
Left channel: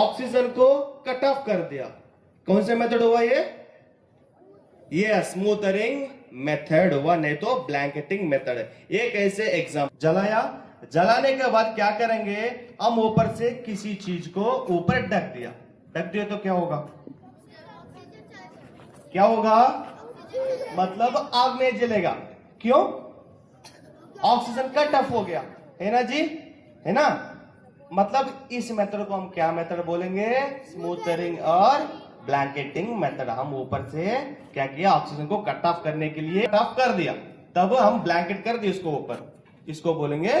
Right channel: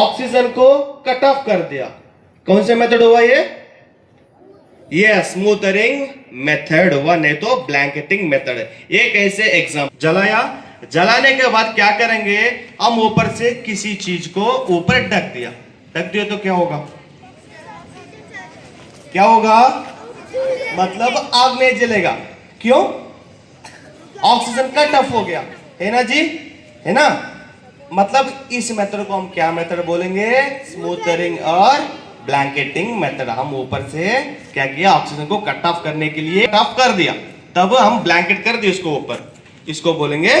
ऑक्सीजन को कट ऑफ कर दिया. कौन सा मेथड हुआ ये? स्मूथरिंग मेथड हुआ, नहीं तो ब्लैंकेटिंग मेथड है. एक ऐसे एग्जाम जलाया, जलाने के बाद क्या करेंगे? हम ऊपर से किसी चीज को ऊपर ढक दिया तो क्या होगा? क्या होगा? मतलब आग नहीं जलेगा. क्यों? ऑक्सीजन कट ऑफ हो गया है ना जी, है ना. मतलब इस मेथड को हम क्या मेथड बोलेंगे? स्मूथरिंग और ब्लैंकेटिंग मेथड. हम ऊपर से क्या किया? ऑक्सीजन को कट ऑफ करने के लिए कट ऑफ कर दिया, तब हम ब्लैंकेट कर दिए इसको ऊपर. इसको बोलेंगे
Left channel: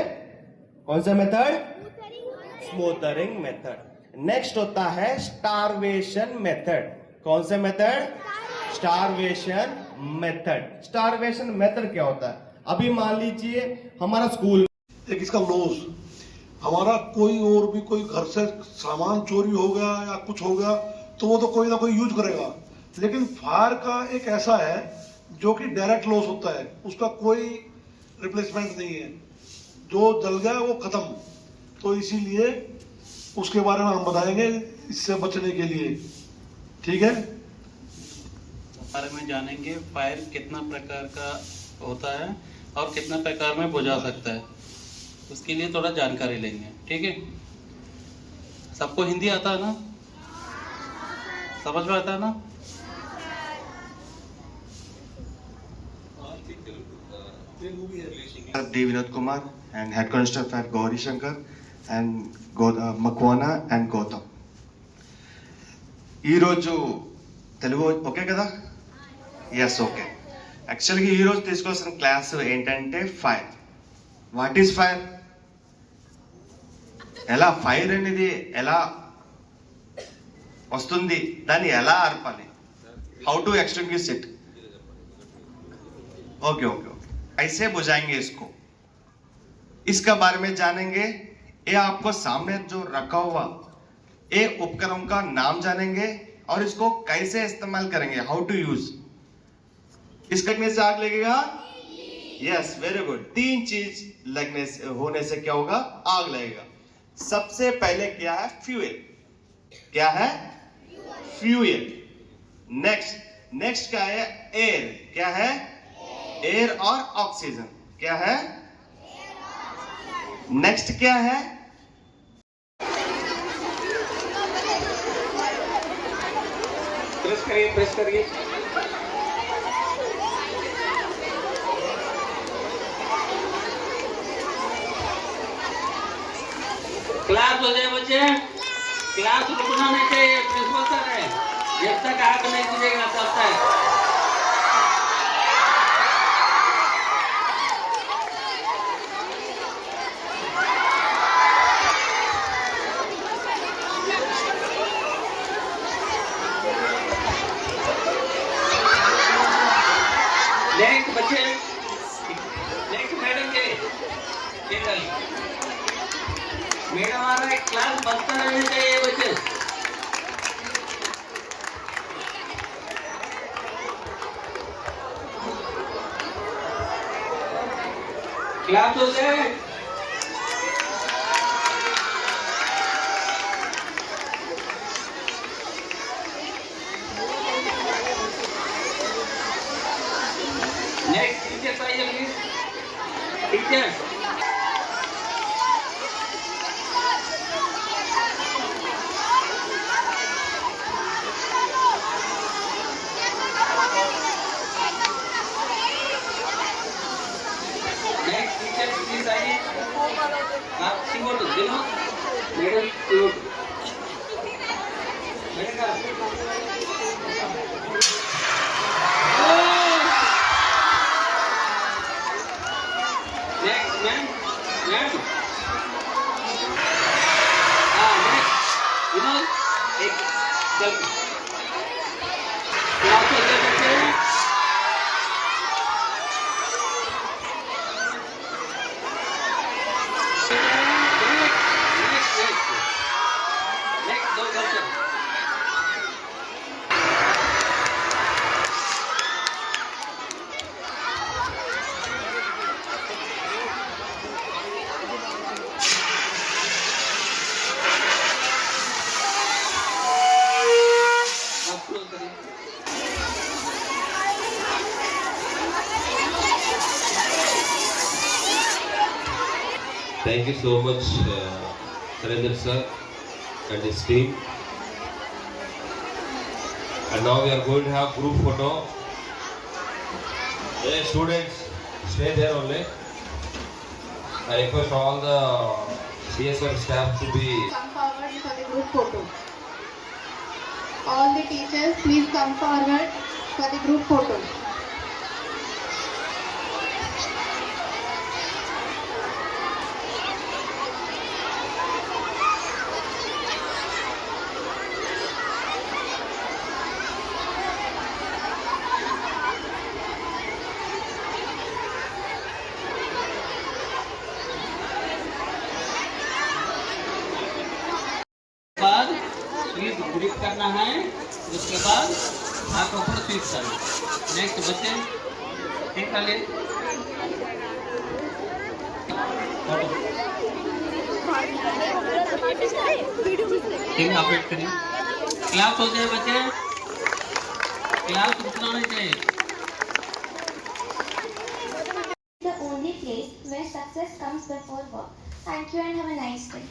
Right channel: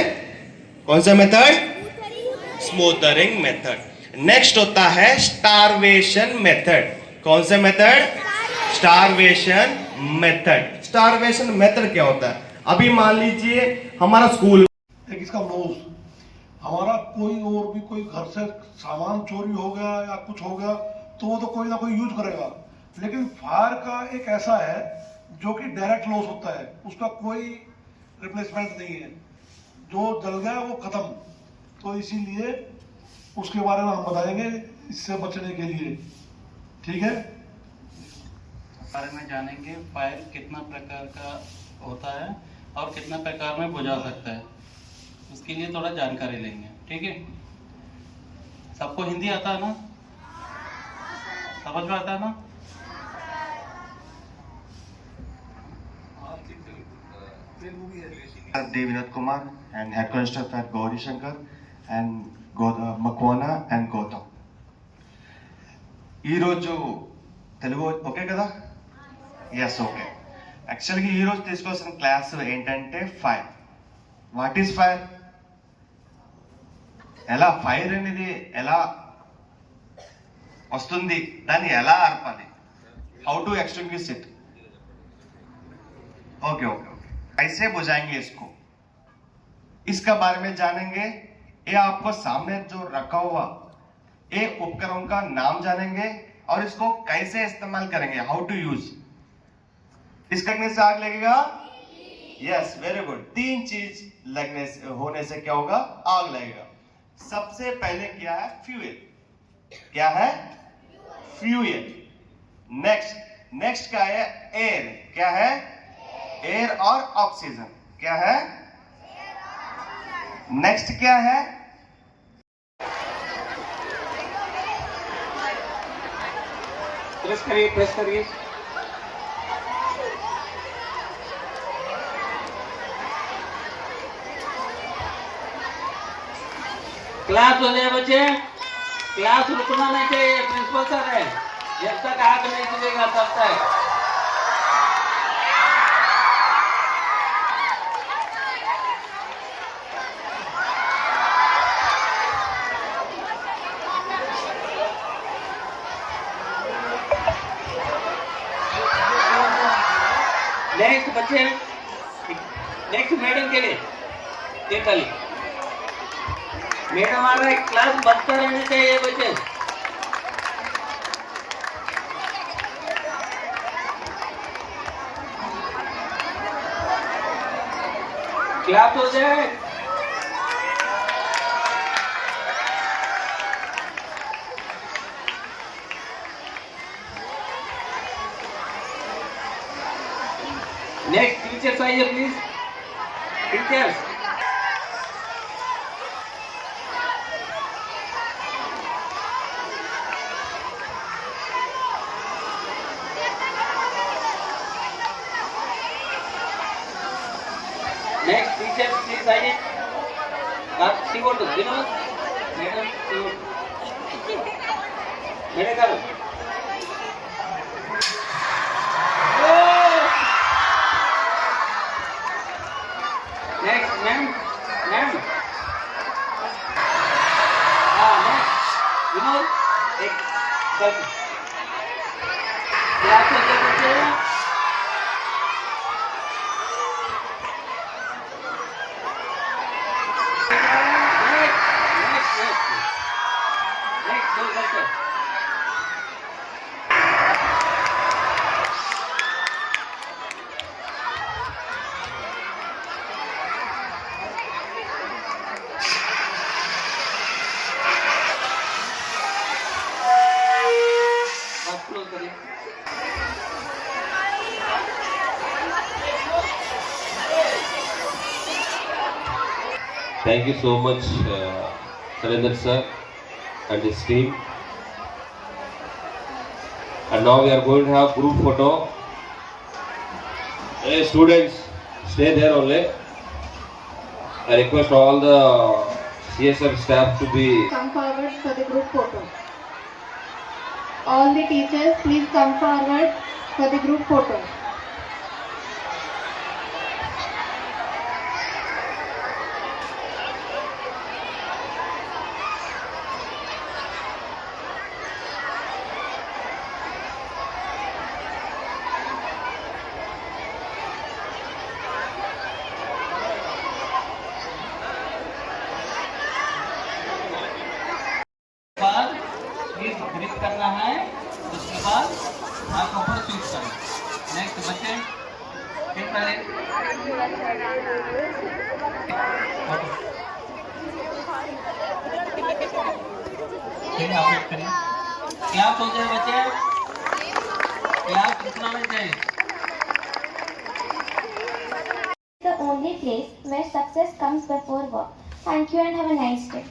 कौन सा मेथड? Smothering method. नेक्स्ट होता है स्टारवेशन मेथड. कौन सा method? Starvation method. Starvation method क्या होता है? अभी मान लीजिए हमारा स्कूल, एक इसका लॉस, हमारा कोई और भी कोई घर से सामान चोरी हो गया या कुछ हो गया तो वो तो कोई ना कोई यूज करेगा. लेकिन फायर का एक ऐसा है जो कि डायरेक्ट लॉस होता है, उसका कोई रिप्लेसमेंट नहीं है. जो जल गया वो खत्म. तो इसीलिए उसके बारे में हम बताएंगे इससे बचने के लिए. ठीक है. बारे में जानेंगे फायर कितना प्रकार का होता है और कितना प्रकार में बुझा सकता है, उसके लिए थोड़ा जानकारी लेंगे. ठीक है. सबको हिंदी आता है ना? समझ में आता है ना? D. Vinod Kumar and Head Constable at Gauri Shankar and Makwana and Gautam. ఈ రోజు తెలుగు ఓకే కదా? Yes okay. యాక్చువల్గా ఈ రోజు తీసుకోవాల్సిన క్లాస్ ఏంటంటే ఫైర్. What is fire? ఎలా ఫైర్ అనేది ఎలా వస్తుంది, దాన్ని ఎలా ఆర్పాలి, how to extinguish it. Okay okay okay. कैसे बुझाएंगे इसको, इसका बारे में जानेंगे. ये आपको सामने जो रखा हुआ ये उपकरणों का नाम जानेंगे और इसको कैसे इस्तेमाल करेंगे, हाउ टू यूज. इसके लगने से आग लगेगा? Yes very good. 3 चीज लगने से होने से क्या होगा? आग लगेगा. सबसे पहले क्या है? फ्यूल. क्या है? फ्यूल. नेक्स्ट क्या है? एयर. क्या है? एयर और ऑक्सीजन. क्या है? नेक्स्ट क्या है? प्रेस करिए, प्रेस करिए। क्लास हो जाए बच्चे, क्लास रुकना नहीं चाहिए। प्रिंसिपल सर है, जब तक आग नहीं चलेगा तब तक। नेक्स्ट बच्चे, नेक्स्ट मैडम के लिए मैडम आ रहा है, क्लास बंद रहने चाहिए बच्चे। क्लास हो जाए। नेक्स्ट टीचर्स आइए please, teachers. Next teachers please आइए। आप सिंगोट दिनो मैडम, सिंगोट मैडम करो। नेक्स्ट मैम, मैम विनोद एक सेल्फी। क्लास हो जाए बच्चे। नेक्स्ट दो बच्चे। Thank you so much, Sarendra sir and his team. And now we are going to have group photo. Hey students, stay there only. I request all the CSF staff to be. Come forward for the group photo. All the teachers, please come forward for the group photo. बाद SVEEP grip करना है, उसके बाद हाथों पर SVEEP करना। Next बच्चे ठीक है, फोटो ठीक है, आप वेट करिए। क्लास हो जाए बच्चे, क्लास रुकना नहीं चाहिए। The only place where success comes before work. Thank you and have a nice day.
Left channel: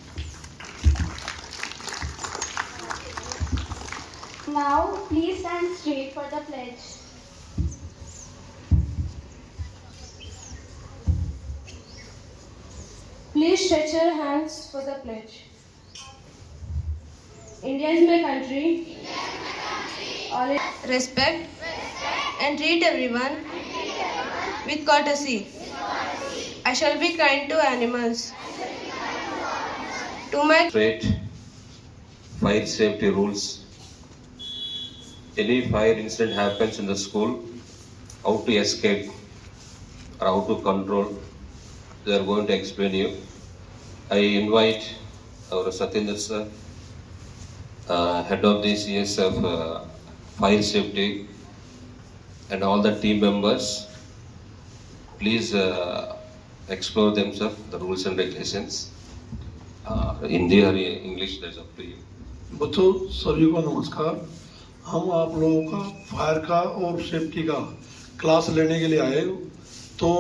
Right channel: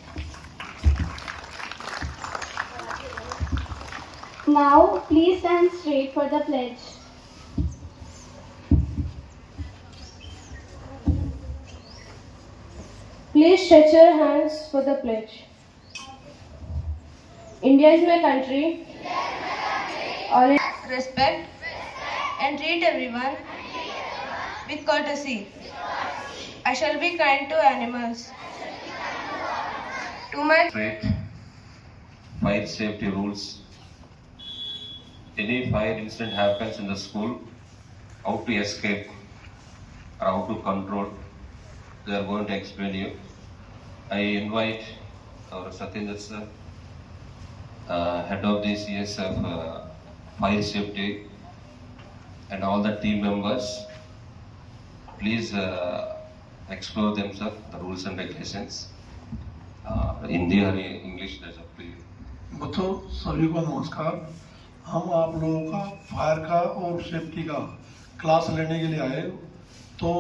Now, please stand straight for the pledge. Please stretch your hands for the pledge. India is my country. All respect and treat everyone with courtesy. I shall be kind to animals. To my Straight fire safety rules. Any fire incident happens in the school, how to escape or how to control, they are going to explain you. I invite our Satyendra sir, head of the CSF fire safety, and all the team members. Please explore themselves, the rules and regulations. Hindi or English, that's up to you. बच्चों सभी को नमस्कार। हम आप लोगों का fire का और सेफ्टी का क्लास लेने के लिए आए। तो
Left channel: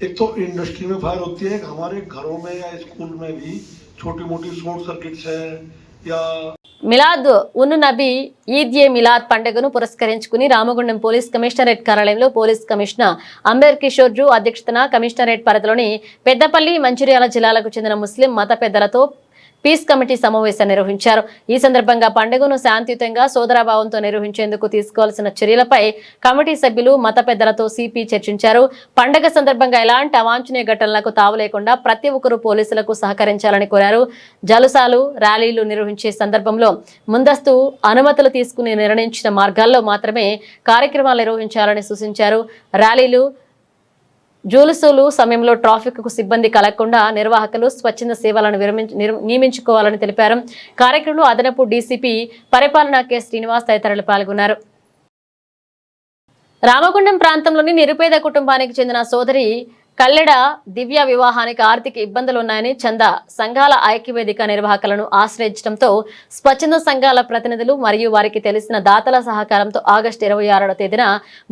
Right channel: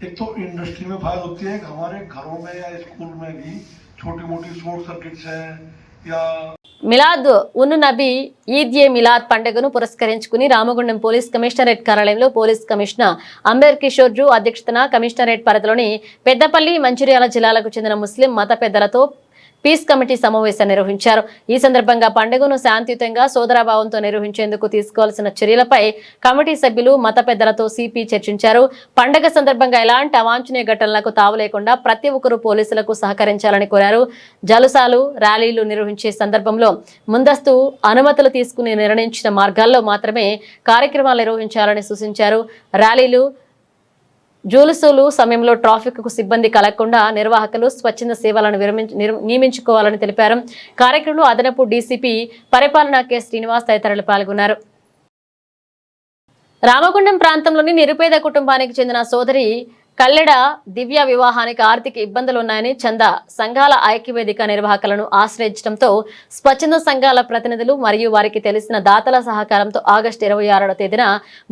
एक तो इंडस्ट्री में फायर होती है, हमारे घरों में या स्कूल में भी छोटी मोटी शॉर्ट सर्किट्स है या మిలాద్ ఉన్ నబీ ఈద్ ఏ మిలాద్ పండుగను పురస్కరించుకుని రామగుండం పోలీస్ కమిషనరేట్ కార్యాలయంలో పోలీస్ కమిషనర్ అంబేర్ కిషోర్ జూ అధ్యక్షతన కమిషనరేట్ పరిధిలోని పెద్దపల్లి మంచిర్యాల జిల్లాలకు చెందిన ముస్లిం మత పెద్దలతో పీస్ కమిటీ సమావేశం నిర్వహించారు. ఈ సందర్భంగా పండుగను శాంతియుతంగా సోదరభావంతో నిర్వహించేందుకు తీసుకోవాల్సిన చర్యలపై కమిటీ సభ్యులు మత పెద్దలతో సిపి చర్చించారు. పండుగ సందర్భంగా ఎలాంటి అవాంఛనీయ ఘటనలకు తావు లేకుండా ప్రతి ఒక్కరూ పోలీసులకు సహకరించాలని కోరారు. జలుసాలు ర్యాలీలు నిర్వహించే సందర్భంలో ముందస్తు అనుమతులు తీసుకుని నిర్ణయించిన మార్గాల్లో మాత్రమే కార్యక్రమాలు నిర్వహించాలని సూచించారు. ర్యాలీలు జూలుసులు సమయంలో ట్రాఫిక్ కు సిబ్బంది కలగకుండా నిర్వాహకులు స్వచ్ఛంద సేవలను నియమించుకోవాలని తెలిపారు. కార్యక్రమంలో అదనపు డీసీపీ పరిపాలన కె శ్రీనివాస్ తదితరులు పాల్గొన్నారు. రామగుండం ప్రాంతంలోని నిరుపేద కుటుంబానికి చెందిన సోదరి కల్లెడ దివ్య వివాహానికి ఆర్థిక ఇబ్బందులు ఉన్నాయని చందా సంఘాల ఐక్యవేదిక నిర్వాహకులను ఆశ్రయించడంతో స్వచ్ఛంద సంఘాల ప్రతినిధులు మరియు వారికి తెలిసిన దాతల సహకారంతో ఆగస్టు 26వ తేదీన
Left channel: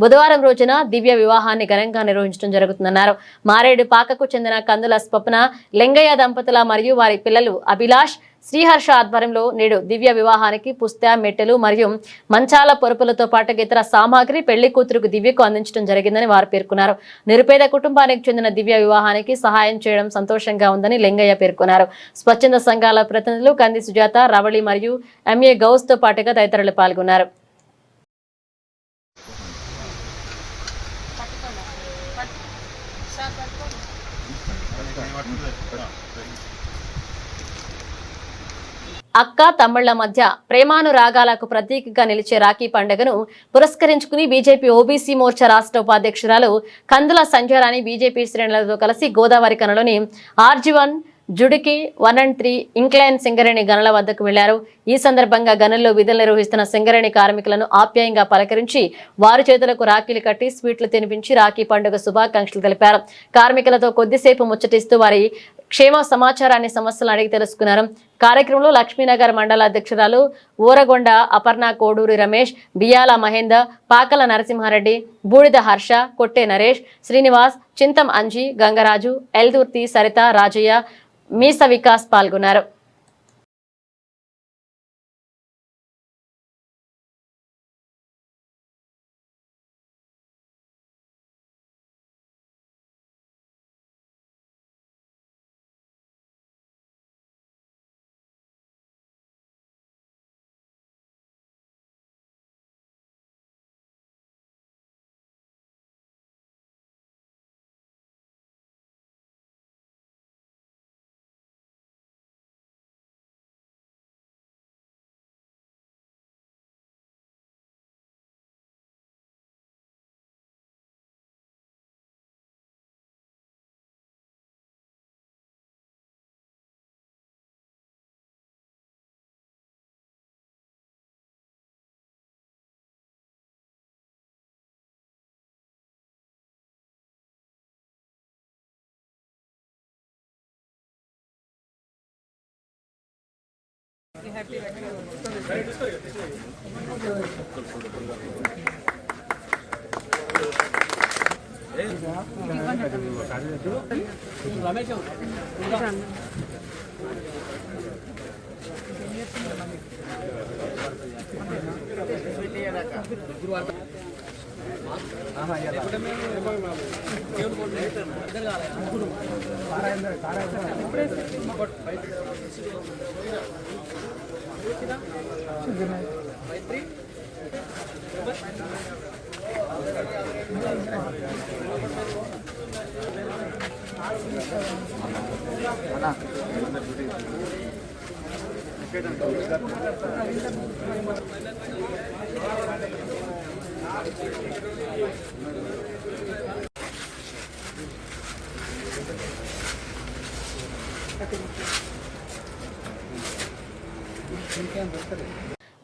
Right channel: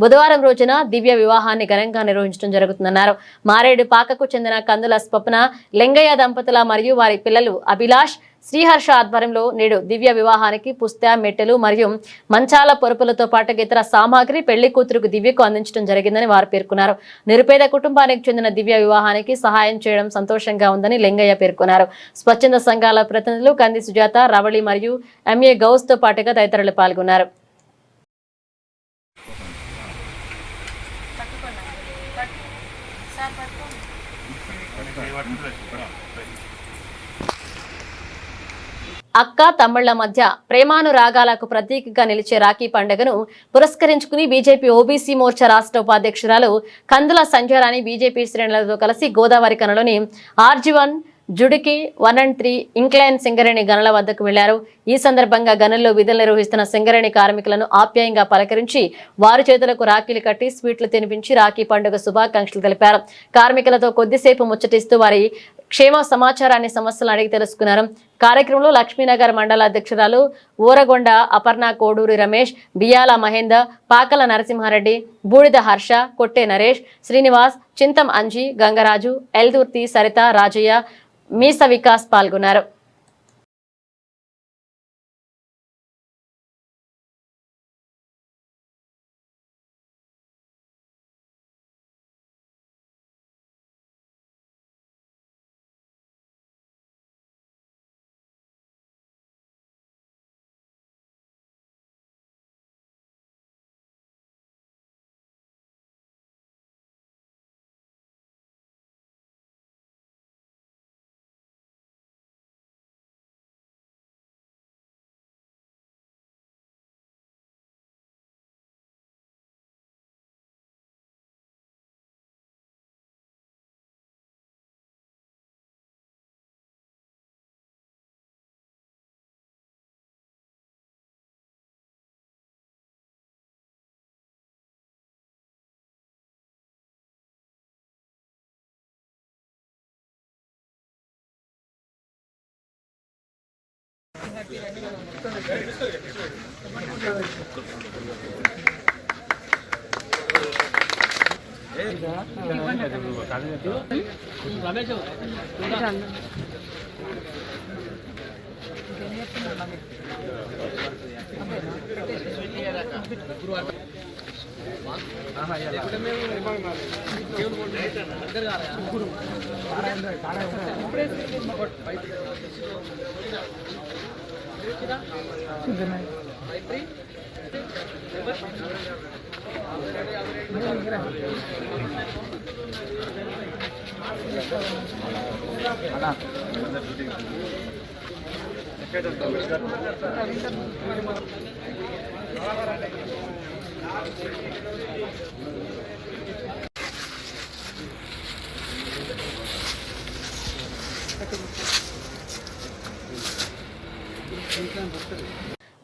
బుధవారం రోజున దివ్య వివాహాన్ని ఘనంగా నిర్వహించడం జరుగుతుందన్నారు. మారేడు పాకకు చెందిన కందుల స్వప్న లింగయ్య దంపతుల మరియు వారి పిల్లలు అభిలాష్ శ్రీహర్ష ఆధ్వర్యంలో నేడు దివ్య వివాహానికి పుస్తె మెట్టెలు మరియు మంచాల పొరుపులతో పాటు ఇతర సామాగ్రి పెళ్లి కూతురుకు దివ్యకు అందించడం జరిగిందని వారు పేర్కొన్నారు. నిరుపేద కుటుంబానికి చెందిన దివ్య వివాహానికి సహాయం చేయడం సంతోషంగా ఉందని లింగయ్య పేర్కొన్నారు. స్వచ్ఛంద సంఘాల ప్రతినిధులు కంది సుజాత, రవళి మరియు ఎంఏ గౌస్ తో పాటుగా తదితరులు పాల్గొన్నారు. అక్క తమ్ముళ్ల మధ్య ప్రేమానురాగాలకు ప్రతీకగా నిలిచే రాఖీ పండుగను పురస్కరించుకుని బీజేపీ ఓబీసీ మోర్చా రాష్ట్ర ఉపాధ్యక్షురాలు కందుల సంధ్యారాణి బీజేపీ శ్రేణులతో కలిసి గోదావరి కనలోని RG1 జుడికి 1 and 3 ఇంక్లైన్ సింగరేణి గనుల వద్దకు వెళ్లారు. ఈ సందర్భంగా గనుల్లో విధులు నిర్వహిస్తున్న సింగరేణి కార్మికులను ఆప్యాయంగా పలకరించి వారి చేతులకు రాఖీలు కట్టి స్వీట్లు తినిపించి రాఖీ పండుగ శుభాకాంక్షలు తెలిపారు. కార్మికులతో కొద్దిసేపు ముచ్చటిస్తూ వారి క్షేమ సమాచారాన్ని సమస్యలను అడిగి తెలుసుకున్నారు. కార్యక్రమంలో లక్ష్మీనగర్ మండల అధ్యక్షురాలు ఊరగొండ అపర్ణ, కోడూరి రమేష్, బియ్యాల మహేందర్, పాకల నరసింహారెడ్డి, బూడిద హర్ష, కొట్టే నరేష్, శ్రీనివాస్, చింతం అంజీ, గంగరాజు, ఎల్దుర్తి సరిత, రాజయ్య, మీస వికాస్ పాల్గొన్నారు.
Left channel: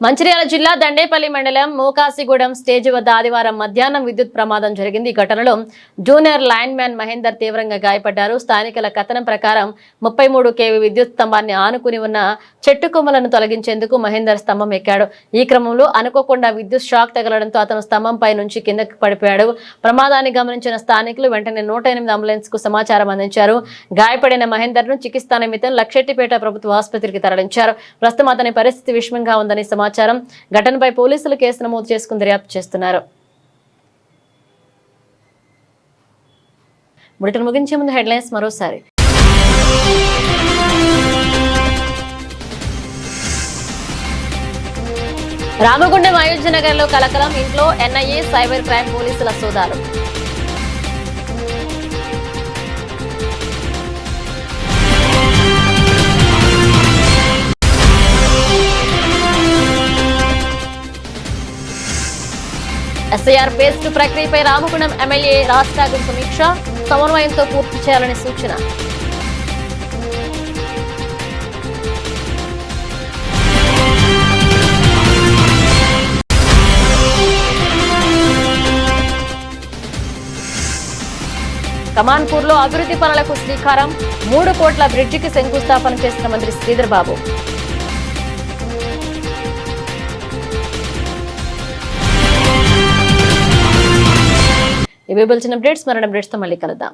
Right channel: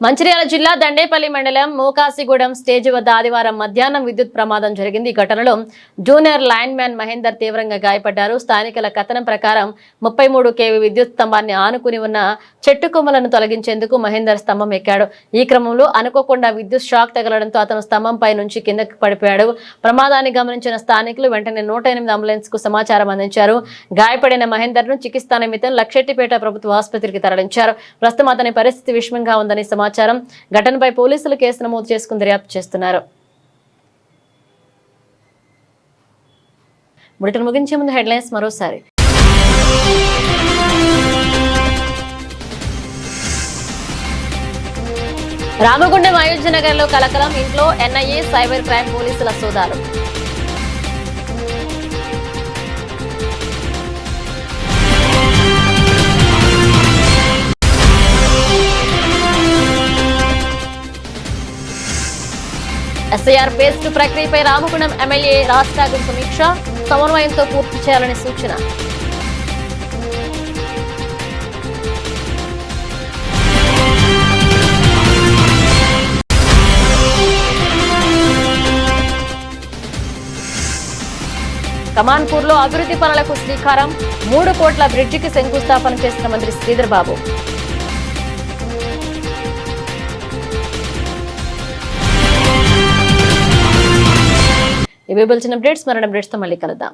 మంచిర్యాల జిల్లా దండేపల్లి మండలం మోకాసిగూడెం స్టేజ్ వద్ద ఆదివారం మధ్యాహ్నం విద్యుత్ ప్రమాదం జరిగింది. ఈ ఘటనలో జూనియర్ లైన్ మ్యాన్ మహేందర్ తీవ్రంగా గాయపడ్డారు. స్థానికుల కథనం ప్రకారం 33 kV విద్యుత్ స్తంభాన్ని ఆనుకుని ఉన్న చెట్టు కొమ్మలను తొలగించేందుకు మహేందర్ స్తంభం ఎక్కాడు. ఈ క్రమంలో అనుకోకుండా విద్యుత్ షాక్ తగలడంతో అతను స్తంభంపై నుంచి కిందకి పడిపోయాడు. ప్రమాదాన్ని గమనించిన స్థానికులు వెంటనే 108 అంబులెన్స్ కు సమాచారం అందించారు. గాయపడిన మహేందర్ ను చికిత్స నిమిత్తం లక్షెట్టిపేట ప్రభుత్వ ఆసుపత్రికి తరలించారు. ప్రస్తుతం అతని పరిస్థితి విషమంగా ఉందని సమాచారం. ఘటనపై పోలీసులు కేసు నమోదు చేసుకుని దర్యాప్తు చేస్తున్నారు. బులెటిన్ ముగించే ముందు హెడ్లైన్స్ మరోసారి. రామగుండం అయోధ్య నగర్ లో కలకలం. ఇంట్లో NIA సైబర్ క్రైమ్ పోలీసుల సోదాలు. SIR phase 2 ప్రక్రియపై రామగుండం ఎమ్మెల్యే రాజ్ ఠాకూర్ సమీక్ష. సమన్వయంతో పూర్తి చేయాలని సూచన. కమాన్పూర్ లో అభివృద్ధి పనులకు శ్రీకారం. 3 కోట్ల బ్రిడ్జికి శంకుస్థాపన చేసిన మంత్రి శ్రీధర్ బాబు. ఇవే బులెటిన్ అప్డేట్స్. మరణ అప్డేట్స్ తో మళ్ళీ కలుద్దాం.